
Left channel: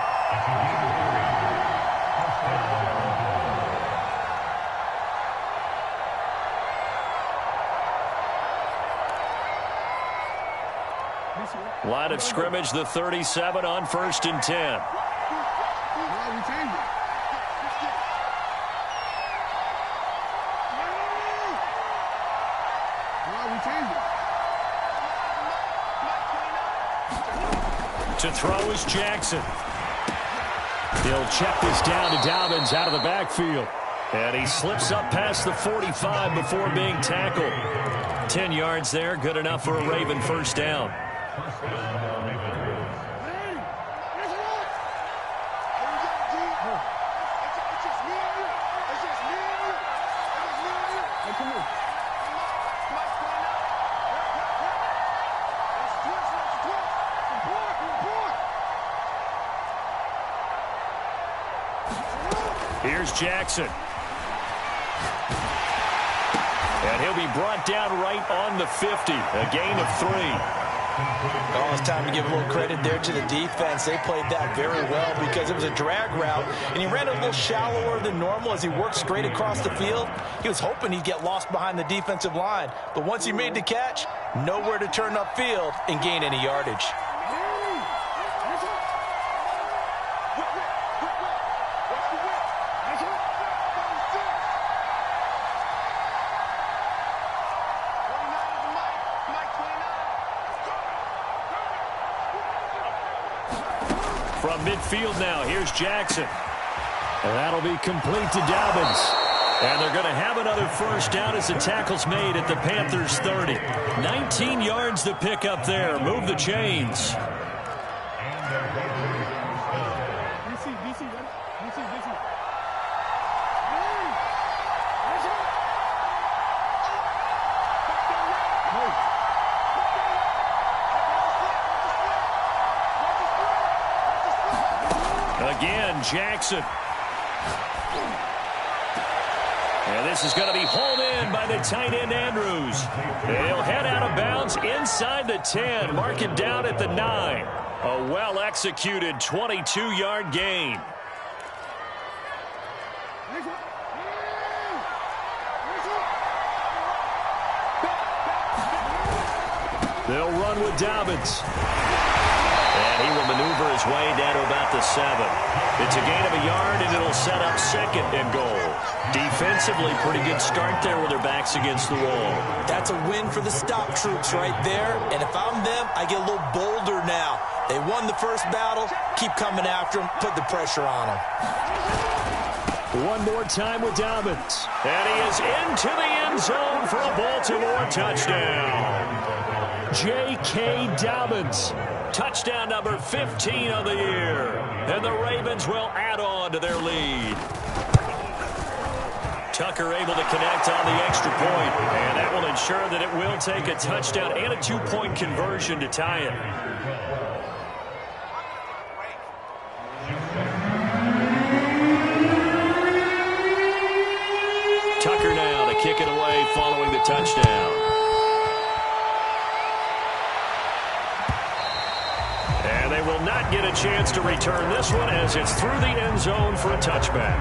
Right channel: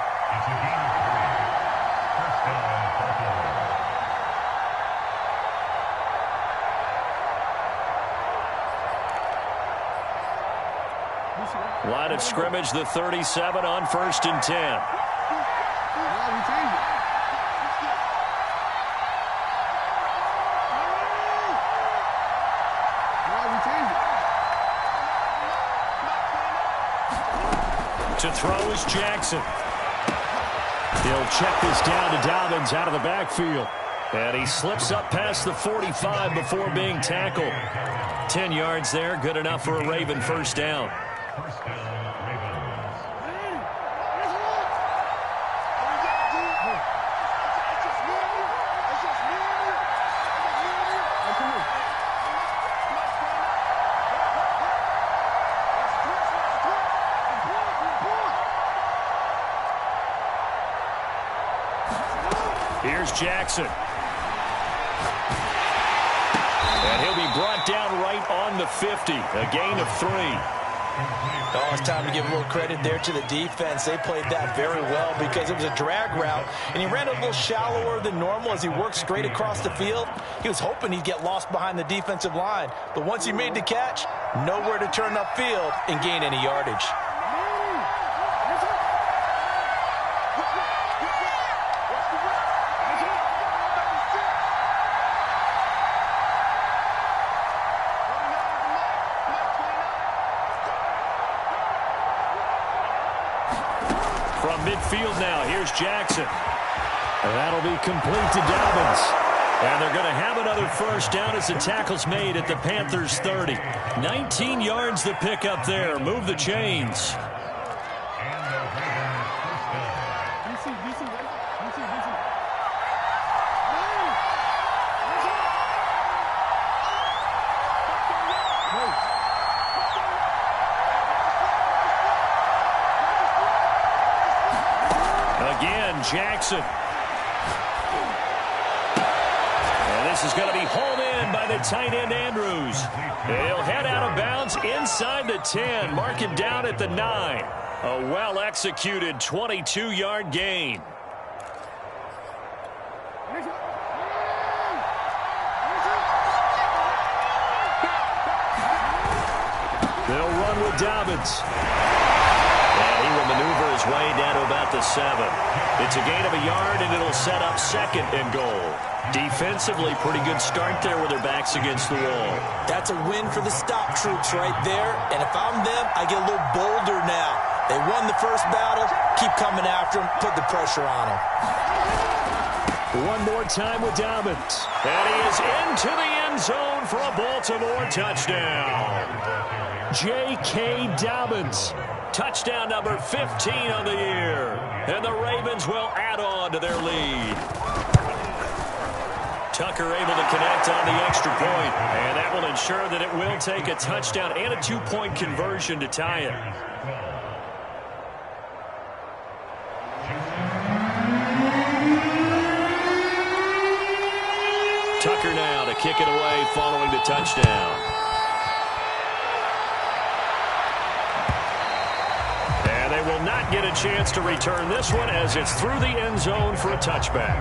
Line of scrimmage, the 37 on 1st and 10. To throw is Jackson. He'll check this down to Dobbins out of the backfield. And he slips up past the 45 before being tackled. 10 yards there, good enough for a Raven first down. Here's Jackson. And he'll be brought down right on the 50. A gain of 3. Oh, it's time to give a little credit there to the defense. They played that very well because it was a drag route, and he ran a little shallower than normal as he worked straight across the field. He was hoping he'd get lost behind the defensive line, but once he made the catch, nowhere to turn upfield and gain any yardage. From midfield now, here's Jackson. And that'll be complete to Dobbins. And they're going to have another first down as the tackle's made at the Panthers' 30. 19 yards to pick up there. Move the chains. Again, Jackson. And this is going to be hauled in by the tight end, Andrews. And he'll head out of bounds inside the 10. Mark it down at the 9. A well-executed 22-yard gain. They'll run with Dobbins. And he will maneuver his way down to about the 7. It's a gain of a yard, and it'll set up 2nd and goal. Defensively, pretty good start there with their backs against the wall. That's a win for the stop troops right there. And if I'm them, I get a little bolder now. They won the first battle. Keep coming after them. Put the pressure on them. One more time with Dobbins. And he is into the end zone for a Baltimore touchdown. J.K. Dobbins. Touchdown number 15 on the year. And the Ravens will add on to their lead. Tucker able to connect on the extra point. And that will ensure that it will take a touchdown and a 2-point conversion to tie it. Tucker now to kick it away following the touchdown. And they will not get a chance to return this one as it's through the end zone for a touchback.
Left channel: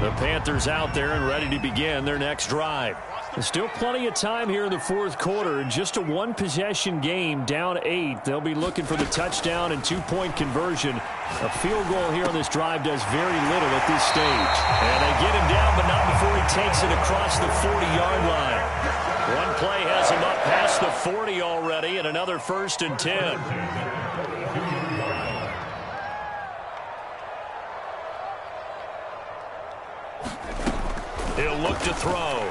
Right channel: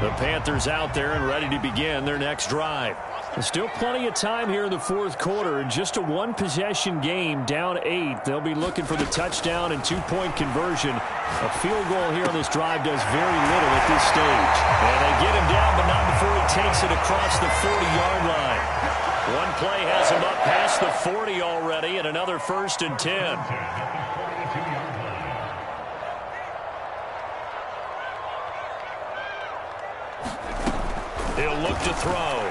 The Panthers out there and ready to begin their next drive. There's still plenty of time here in the fourth quarter. Just a one-possession game, down 8. They'll be looking for the touchdown and 2-point conversion. A field goal here on this drive does very little at this stage. And they get him down, but not before he takes it across the 40-yard line. One play has him up past the 40 already, and another 1st and 10. He'll look to throw.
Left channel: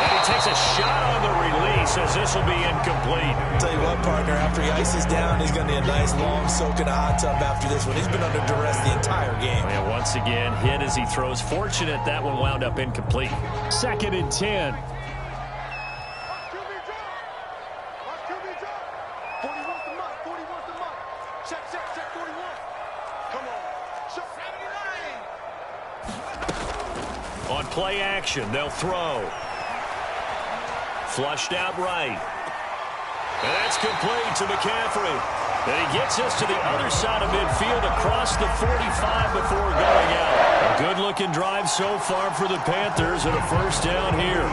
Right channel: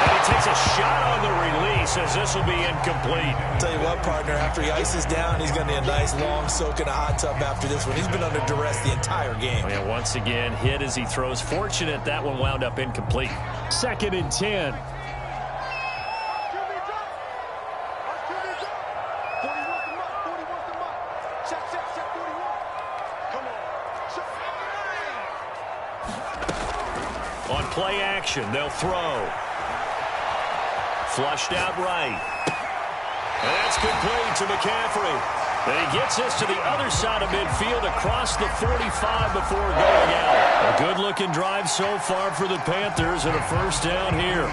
And he takes a shot on the release as this will be incomplete. Tell you what, partner, after he ices down, he's going to need a nice long soak in a hot tub after this one. He's been under duress the entire game. And once again, hit as he throws. Fortunate that one wound up incomplete. 2nd and 10. 40 wants the mic. 40 wants the mic. Check 41. Come on. Show. On play action, they'll throw. Flushed out right. And that's complete to McCaffrey. And he gets us to the other side of midfield across the 45 before going out. A good-looking drive so far for the Panthers and a 1st down here.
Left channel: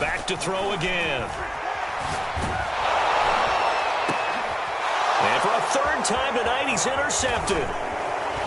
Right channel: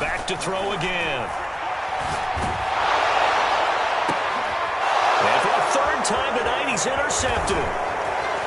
Back to throw again. And for a 3rd time tonight, he's intercepted.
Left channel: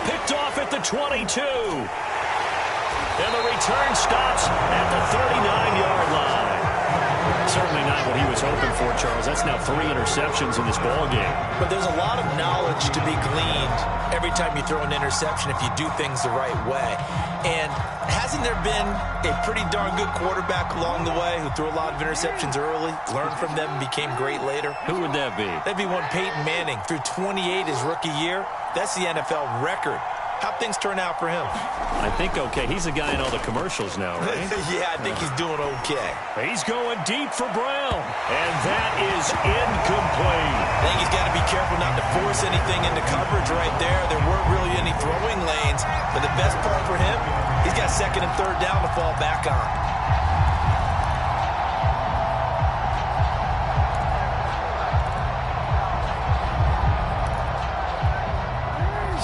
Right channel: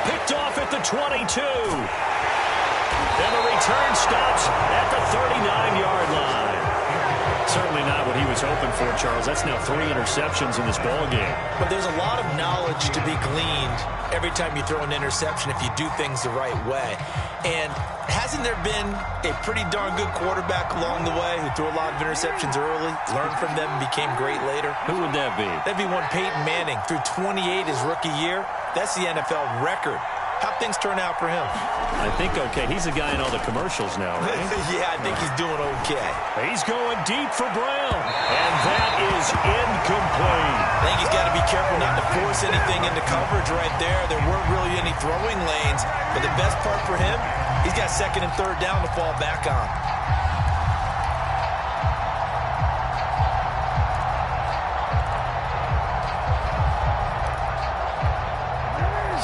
Picked off at the 22. And the return stops at the 39-yard line. Certainly not what he was hoping for, Charles. That's now 3 interceptions in this ball game. But there's a lot of knowledge to be gleaned every time you throw an interception if you do things the right way. And hasn't there been a pretty darn good quarterback along the way who threw a lot of interceptions early, learned from them, and became great later? Who would that be? That'd be one Peyton Manning. Threw 28 his rookie year. That's the NFL record. How'd things turn out for him? I think okay. He's the guy in all the commercials now, right? Yeah, I think he's doing okay. He's going deep for Brown. And that is incomplete. I think he's got to be careful not to force anything into coverage right there. There weren't really any throwing lanes. But the best part for him, he's got 2nd and 3rd down to fall back on.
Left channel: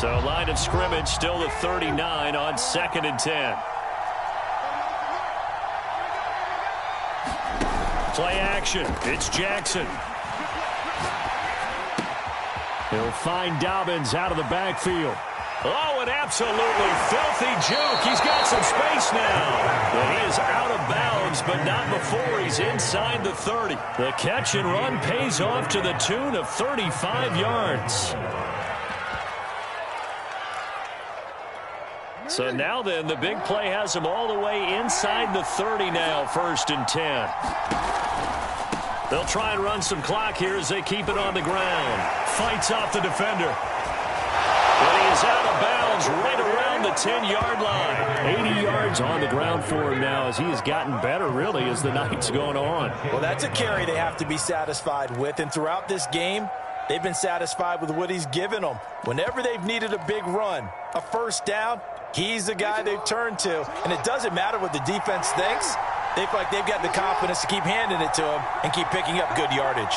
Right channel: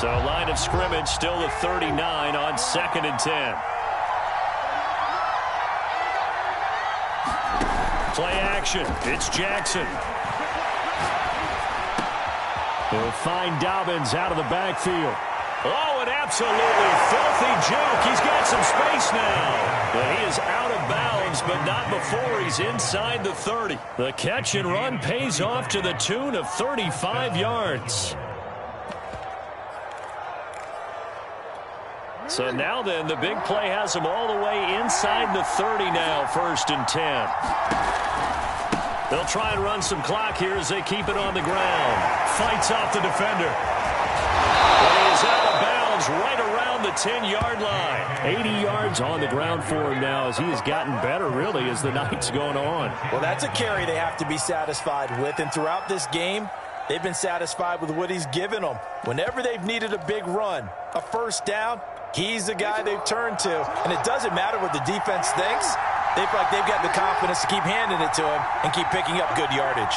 So line of scrimmage still the 39 on 2nd and 10. Play action. It's Jackson. He'll find Dobbins out of the backfield. Oh, an absolutely filthy juke. He's got some space now. But he is out of bounds, but not before he's inside the 30. The catch and run pays off to the tune of 35 yards. So now then, the big play has him all the way inside the 30 now, 1st and 10. They'll try and run some clock here as they keep it on the ground. Fights off the defender. But he is out of bounds right around the 10-yard line. 80 yards on the ground for him now as he has gotten better, really, as the night's gone on. Well, that's a carry they have to be satisfied with. And throughout this game, They've been satisfied with what he's given them. Whenever they've needed a big run, a first down, he's the guy they've turned to. And it doesn't matter what the defense thinks. They feel like they've got the confidence to keep handing it to him and keep picking up good yardage.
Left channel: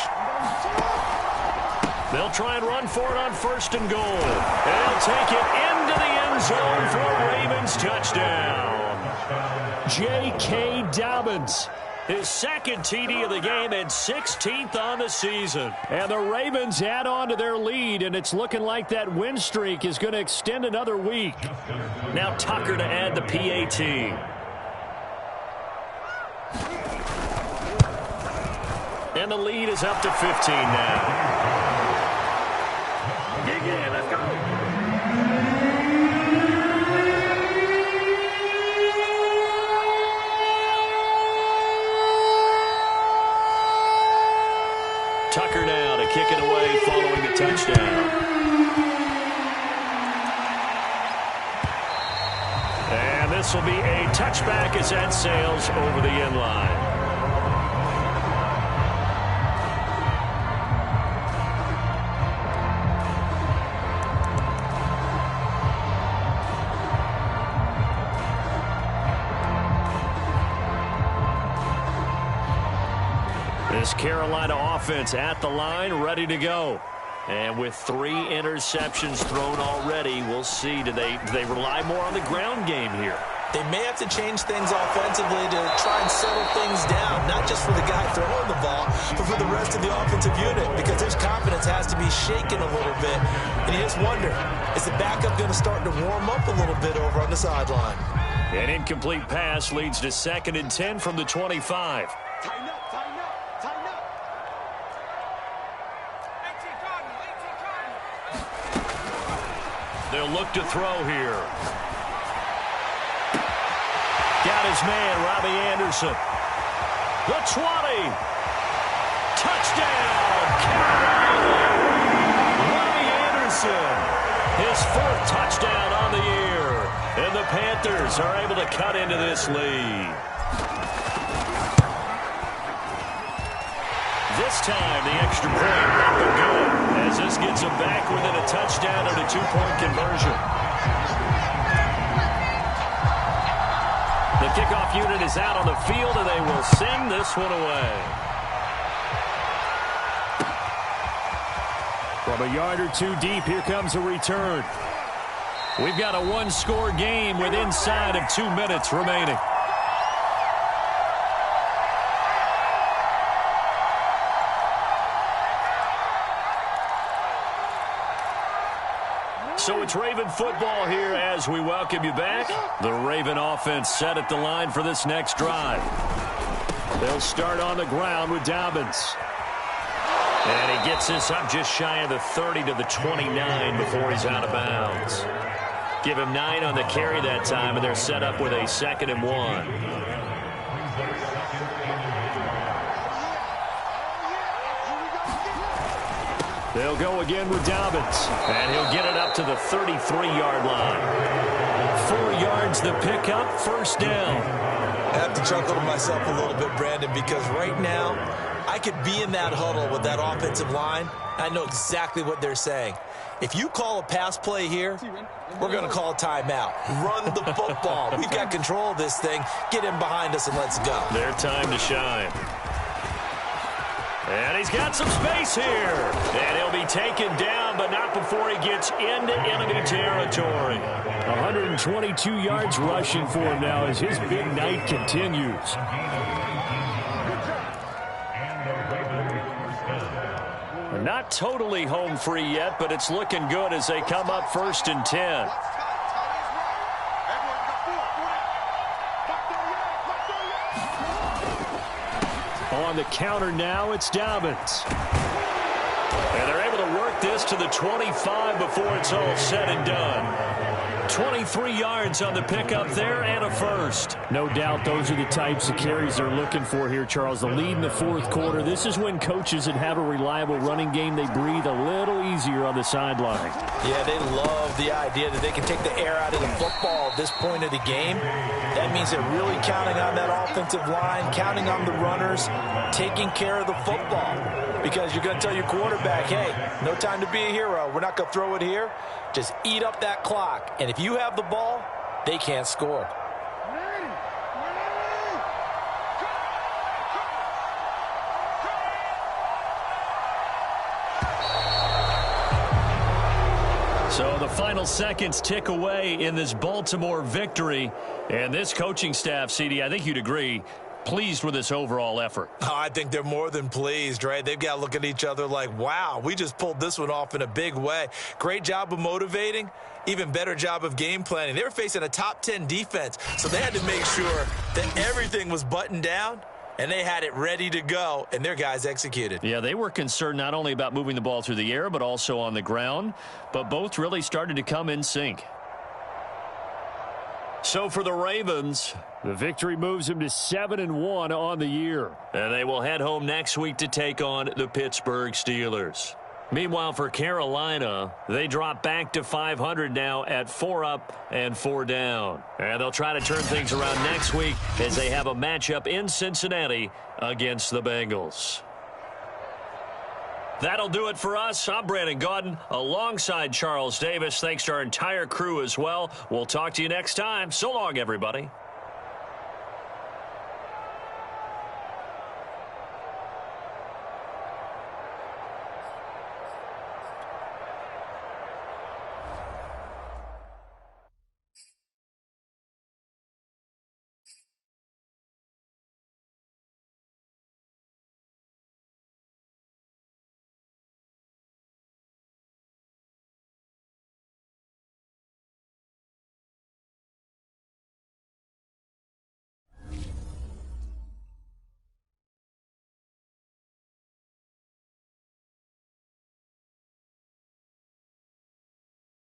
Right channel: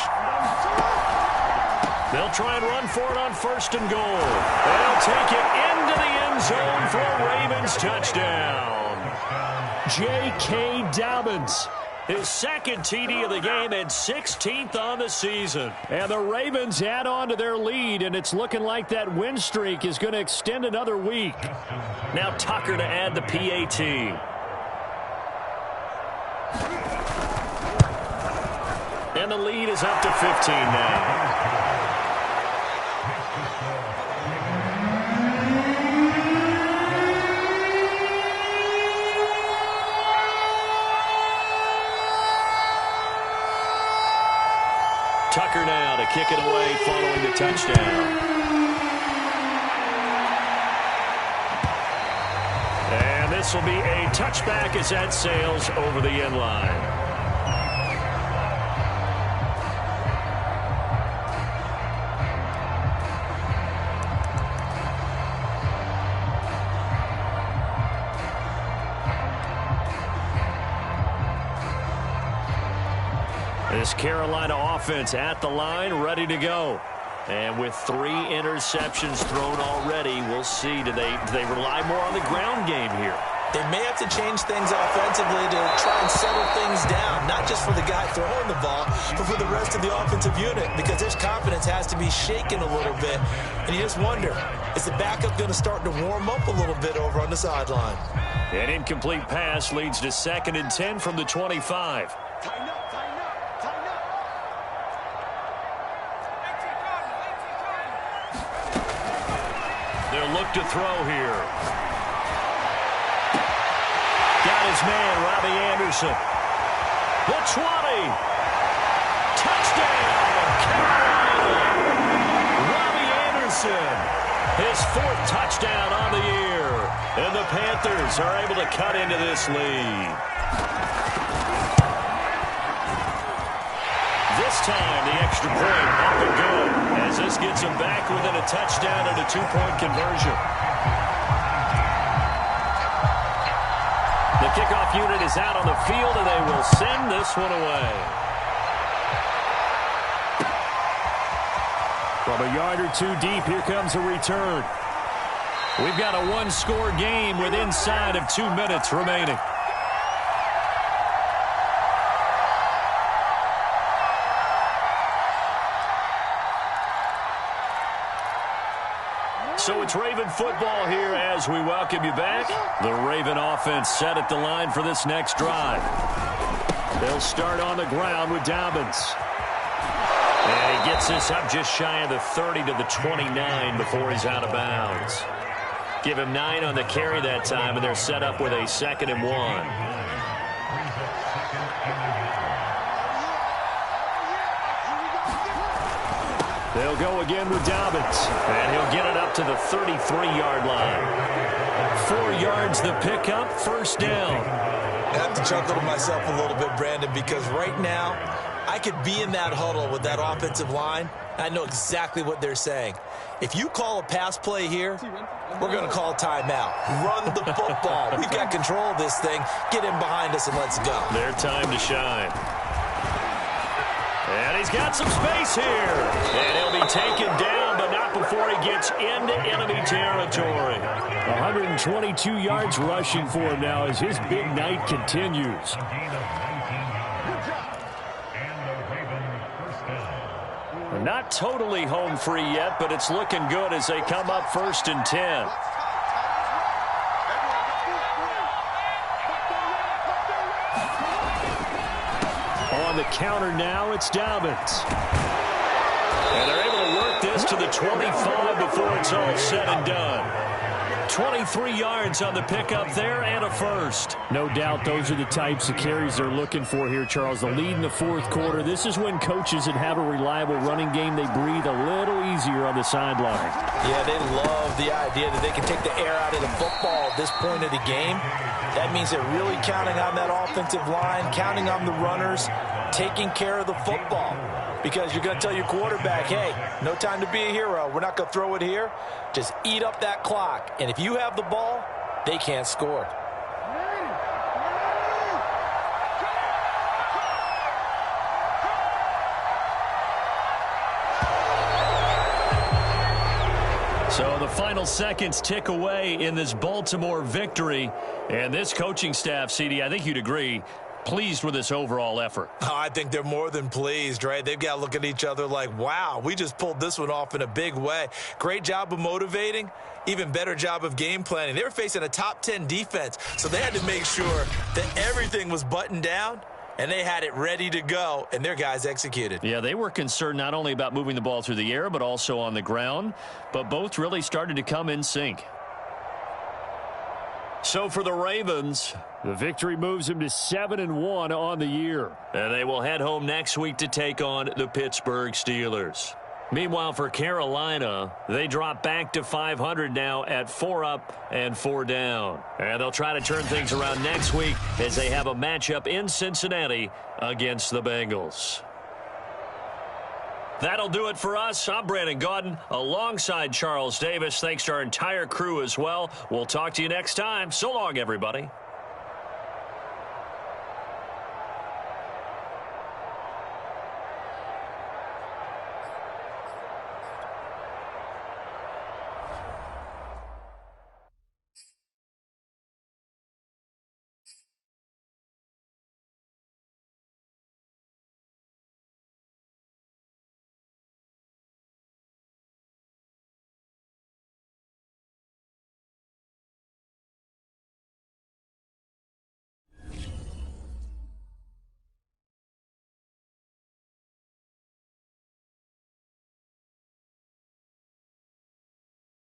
They'll try and run for it on 1st and goal. And he'll take it into the end zone for a Ravens touchdown. J.K. Dobbins, his second TD of the game and 16th on the season. And the Ravens add on to their lead, and it's looking like that win streak is going to extend another week. Now Tucker to add the PAT. And the lead is up to 15 now. Tucker now to kick it away following the touchdown. And this will be a touchback as that sails over the end line. This Carolina offense at the line, ready to go. And with 3 interceptions thrown already, we'll see. Do they rely more on the ground game here? They may have to change things offensively to try and settle things down, not just for the guy throwing the ball, but for the rest of the offensive unit, because their confidence has to be shaken a little bit. And you just wonder, is the backup going to start to warm up a little bit over on the sideline? An incomplete pass leads to 2nd and 10 from the 25. Tighten up, tighten up, tighten up. They'll look to throw here. Got his man, Robbie Anderson. The 20. Touchdown, Carolina. Robbie Anderson, his 4th touchdown on the year. And the Panthers are able to cut into this lead. This time, the extra point up and good, as this gets them back within a touchdown and a 2-point conversion. The kickoff unit is out on the field, and they will send this one away. From a yard or 2 deep, here comes a return. We've got a 1-score game with inside of 2 minutes remaining. So it's Raven football here as we welcome you back. The Raven offense set at the line for this next drive. They'll start on the ground with Dobbins. And he gets this up just shy of the 30 to the 29 before he's out of bounds. Give him 9 on the carry that time, and they're set up with a 2nd and 1. They'll go again with Dobbins, and he'll get it up to the 33-yard line. 4 yards the pickup, 1st down. I have to chuckle to myself a little bit, Brandon, because right now I could be in that huddle with that offensive line. I know exactly what they're saying. If you call a pass play here, we're going to call a timeout. Run the football. We've got control of this thing. Get in behind us and let's go. Their time to shine. And he's got some space here. And he'll be taken down, but not before he gets into enemy territory. 122 yards rushing for him now as his big night continues. Not totally home free yet, but it's looking good as they come up 1st and 10. On the counter now, it's Dobbins. And they're able to work this to the 25 before it's all said and done. 23 yards on the pickup there and a 1st. No doubt those are the types of carries they're looking for here, Charles. The lead in the 4th quarter. This is when coaches that have a reliable running game, they breathe a little easier on the sideline. Yeah, they love the idea that they can take the air out of the football at this point of the game. That means they're really counting on that offensive line, counting on the runners, taking care of the football. Because you're going to tell your quarterback, hey, no time to be a hero. We're not going to throw it here. Just eat up that clock. And if you have the ball, they can't score. So the final seconds tick away in this Baltimore victory. And this coaching staff, CD, I think you'd agree, pleased with this overall effort. Oh, I think they're more than pleased, right? They've got to look at each other like, wow, we just pulled this one off in a big way. Great job of motivating, even better job of game planning. They were facing a top 10 defense, so they had to make sure that everything was buttoned down, and they had it ready to go, and their guys executed. Yeah, they were concerned not only about moving the ball through the air, but also on the ground, but both really started to come in sync. So for the Ravens, the victory moves them to 7-1 on the year. And they will head home next week to take on the Pittsburgh Steelers. Meanwhile, for Carolina, they drop back to 500 now at 4 up and 4 down. And they'll try to turn things around next week as they have a matchup in Cincinnati against the Bengals. That'll do it for us. I'm Brandon Gaudin alongside Charles Davis. Thanks to our entire crew as well. We'll talk to you next time. So long, everybody.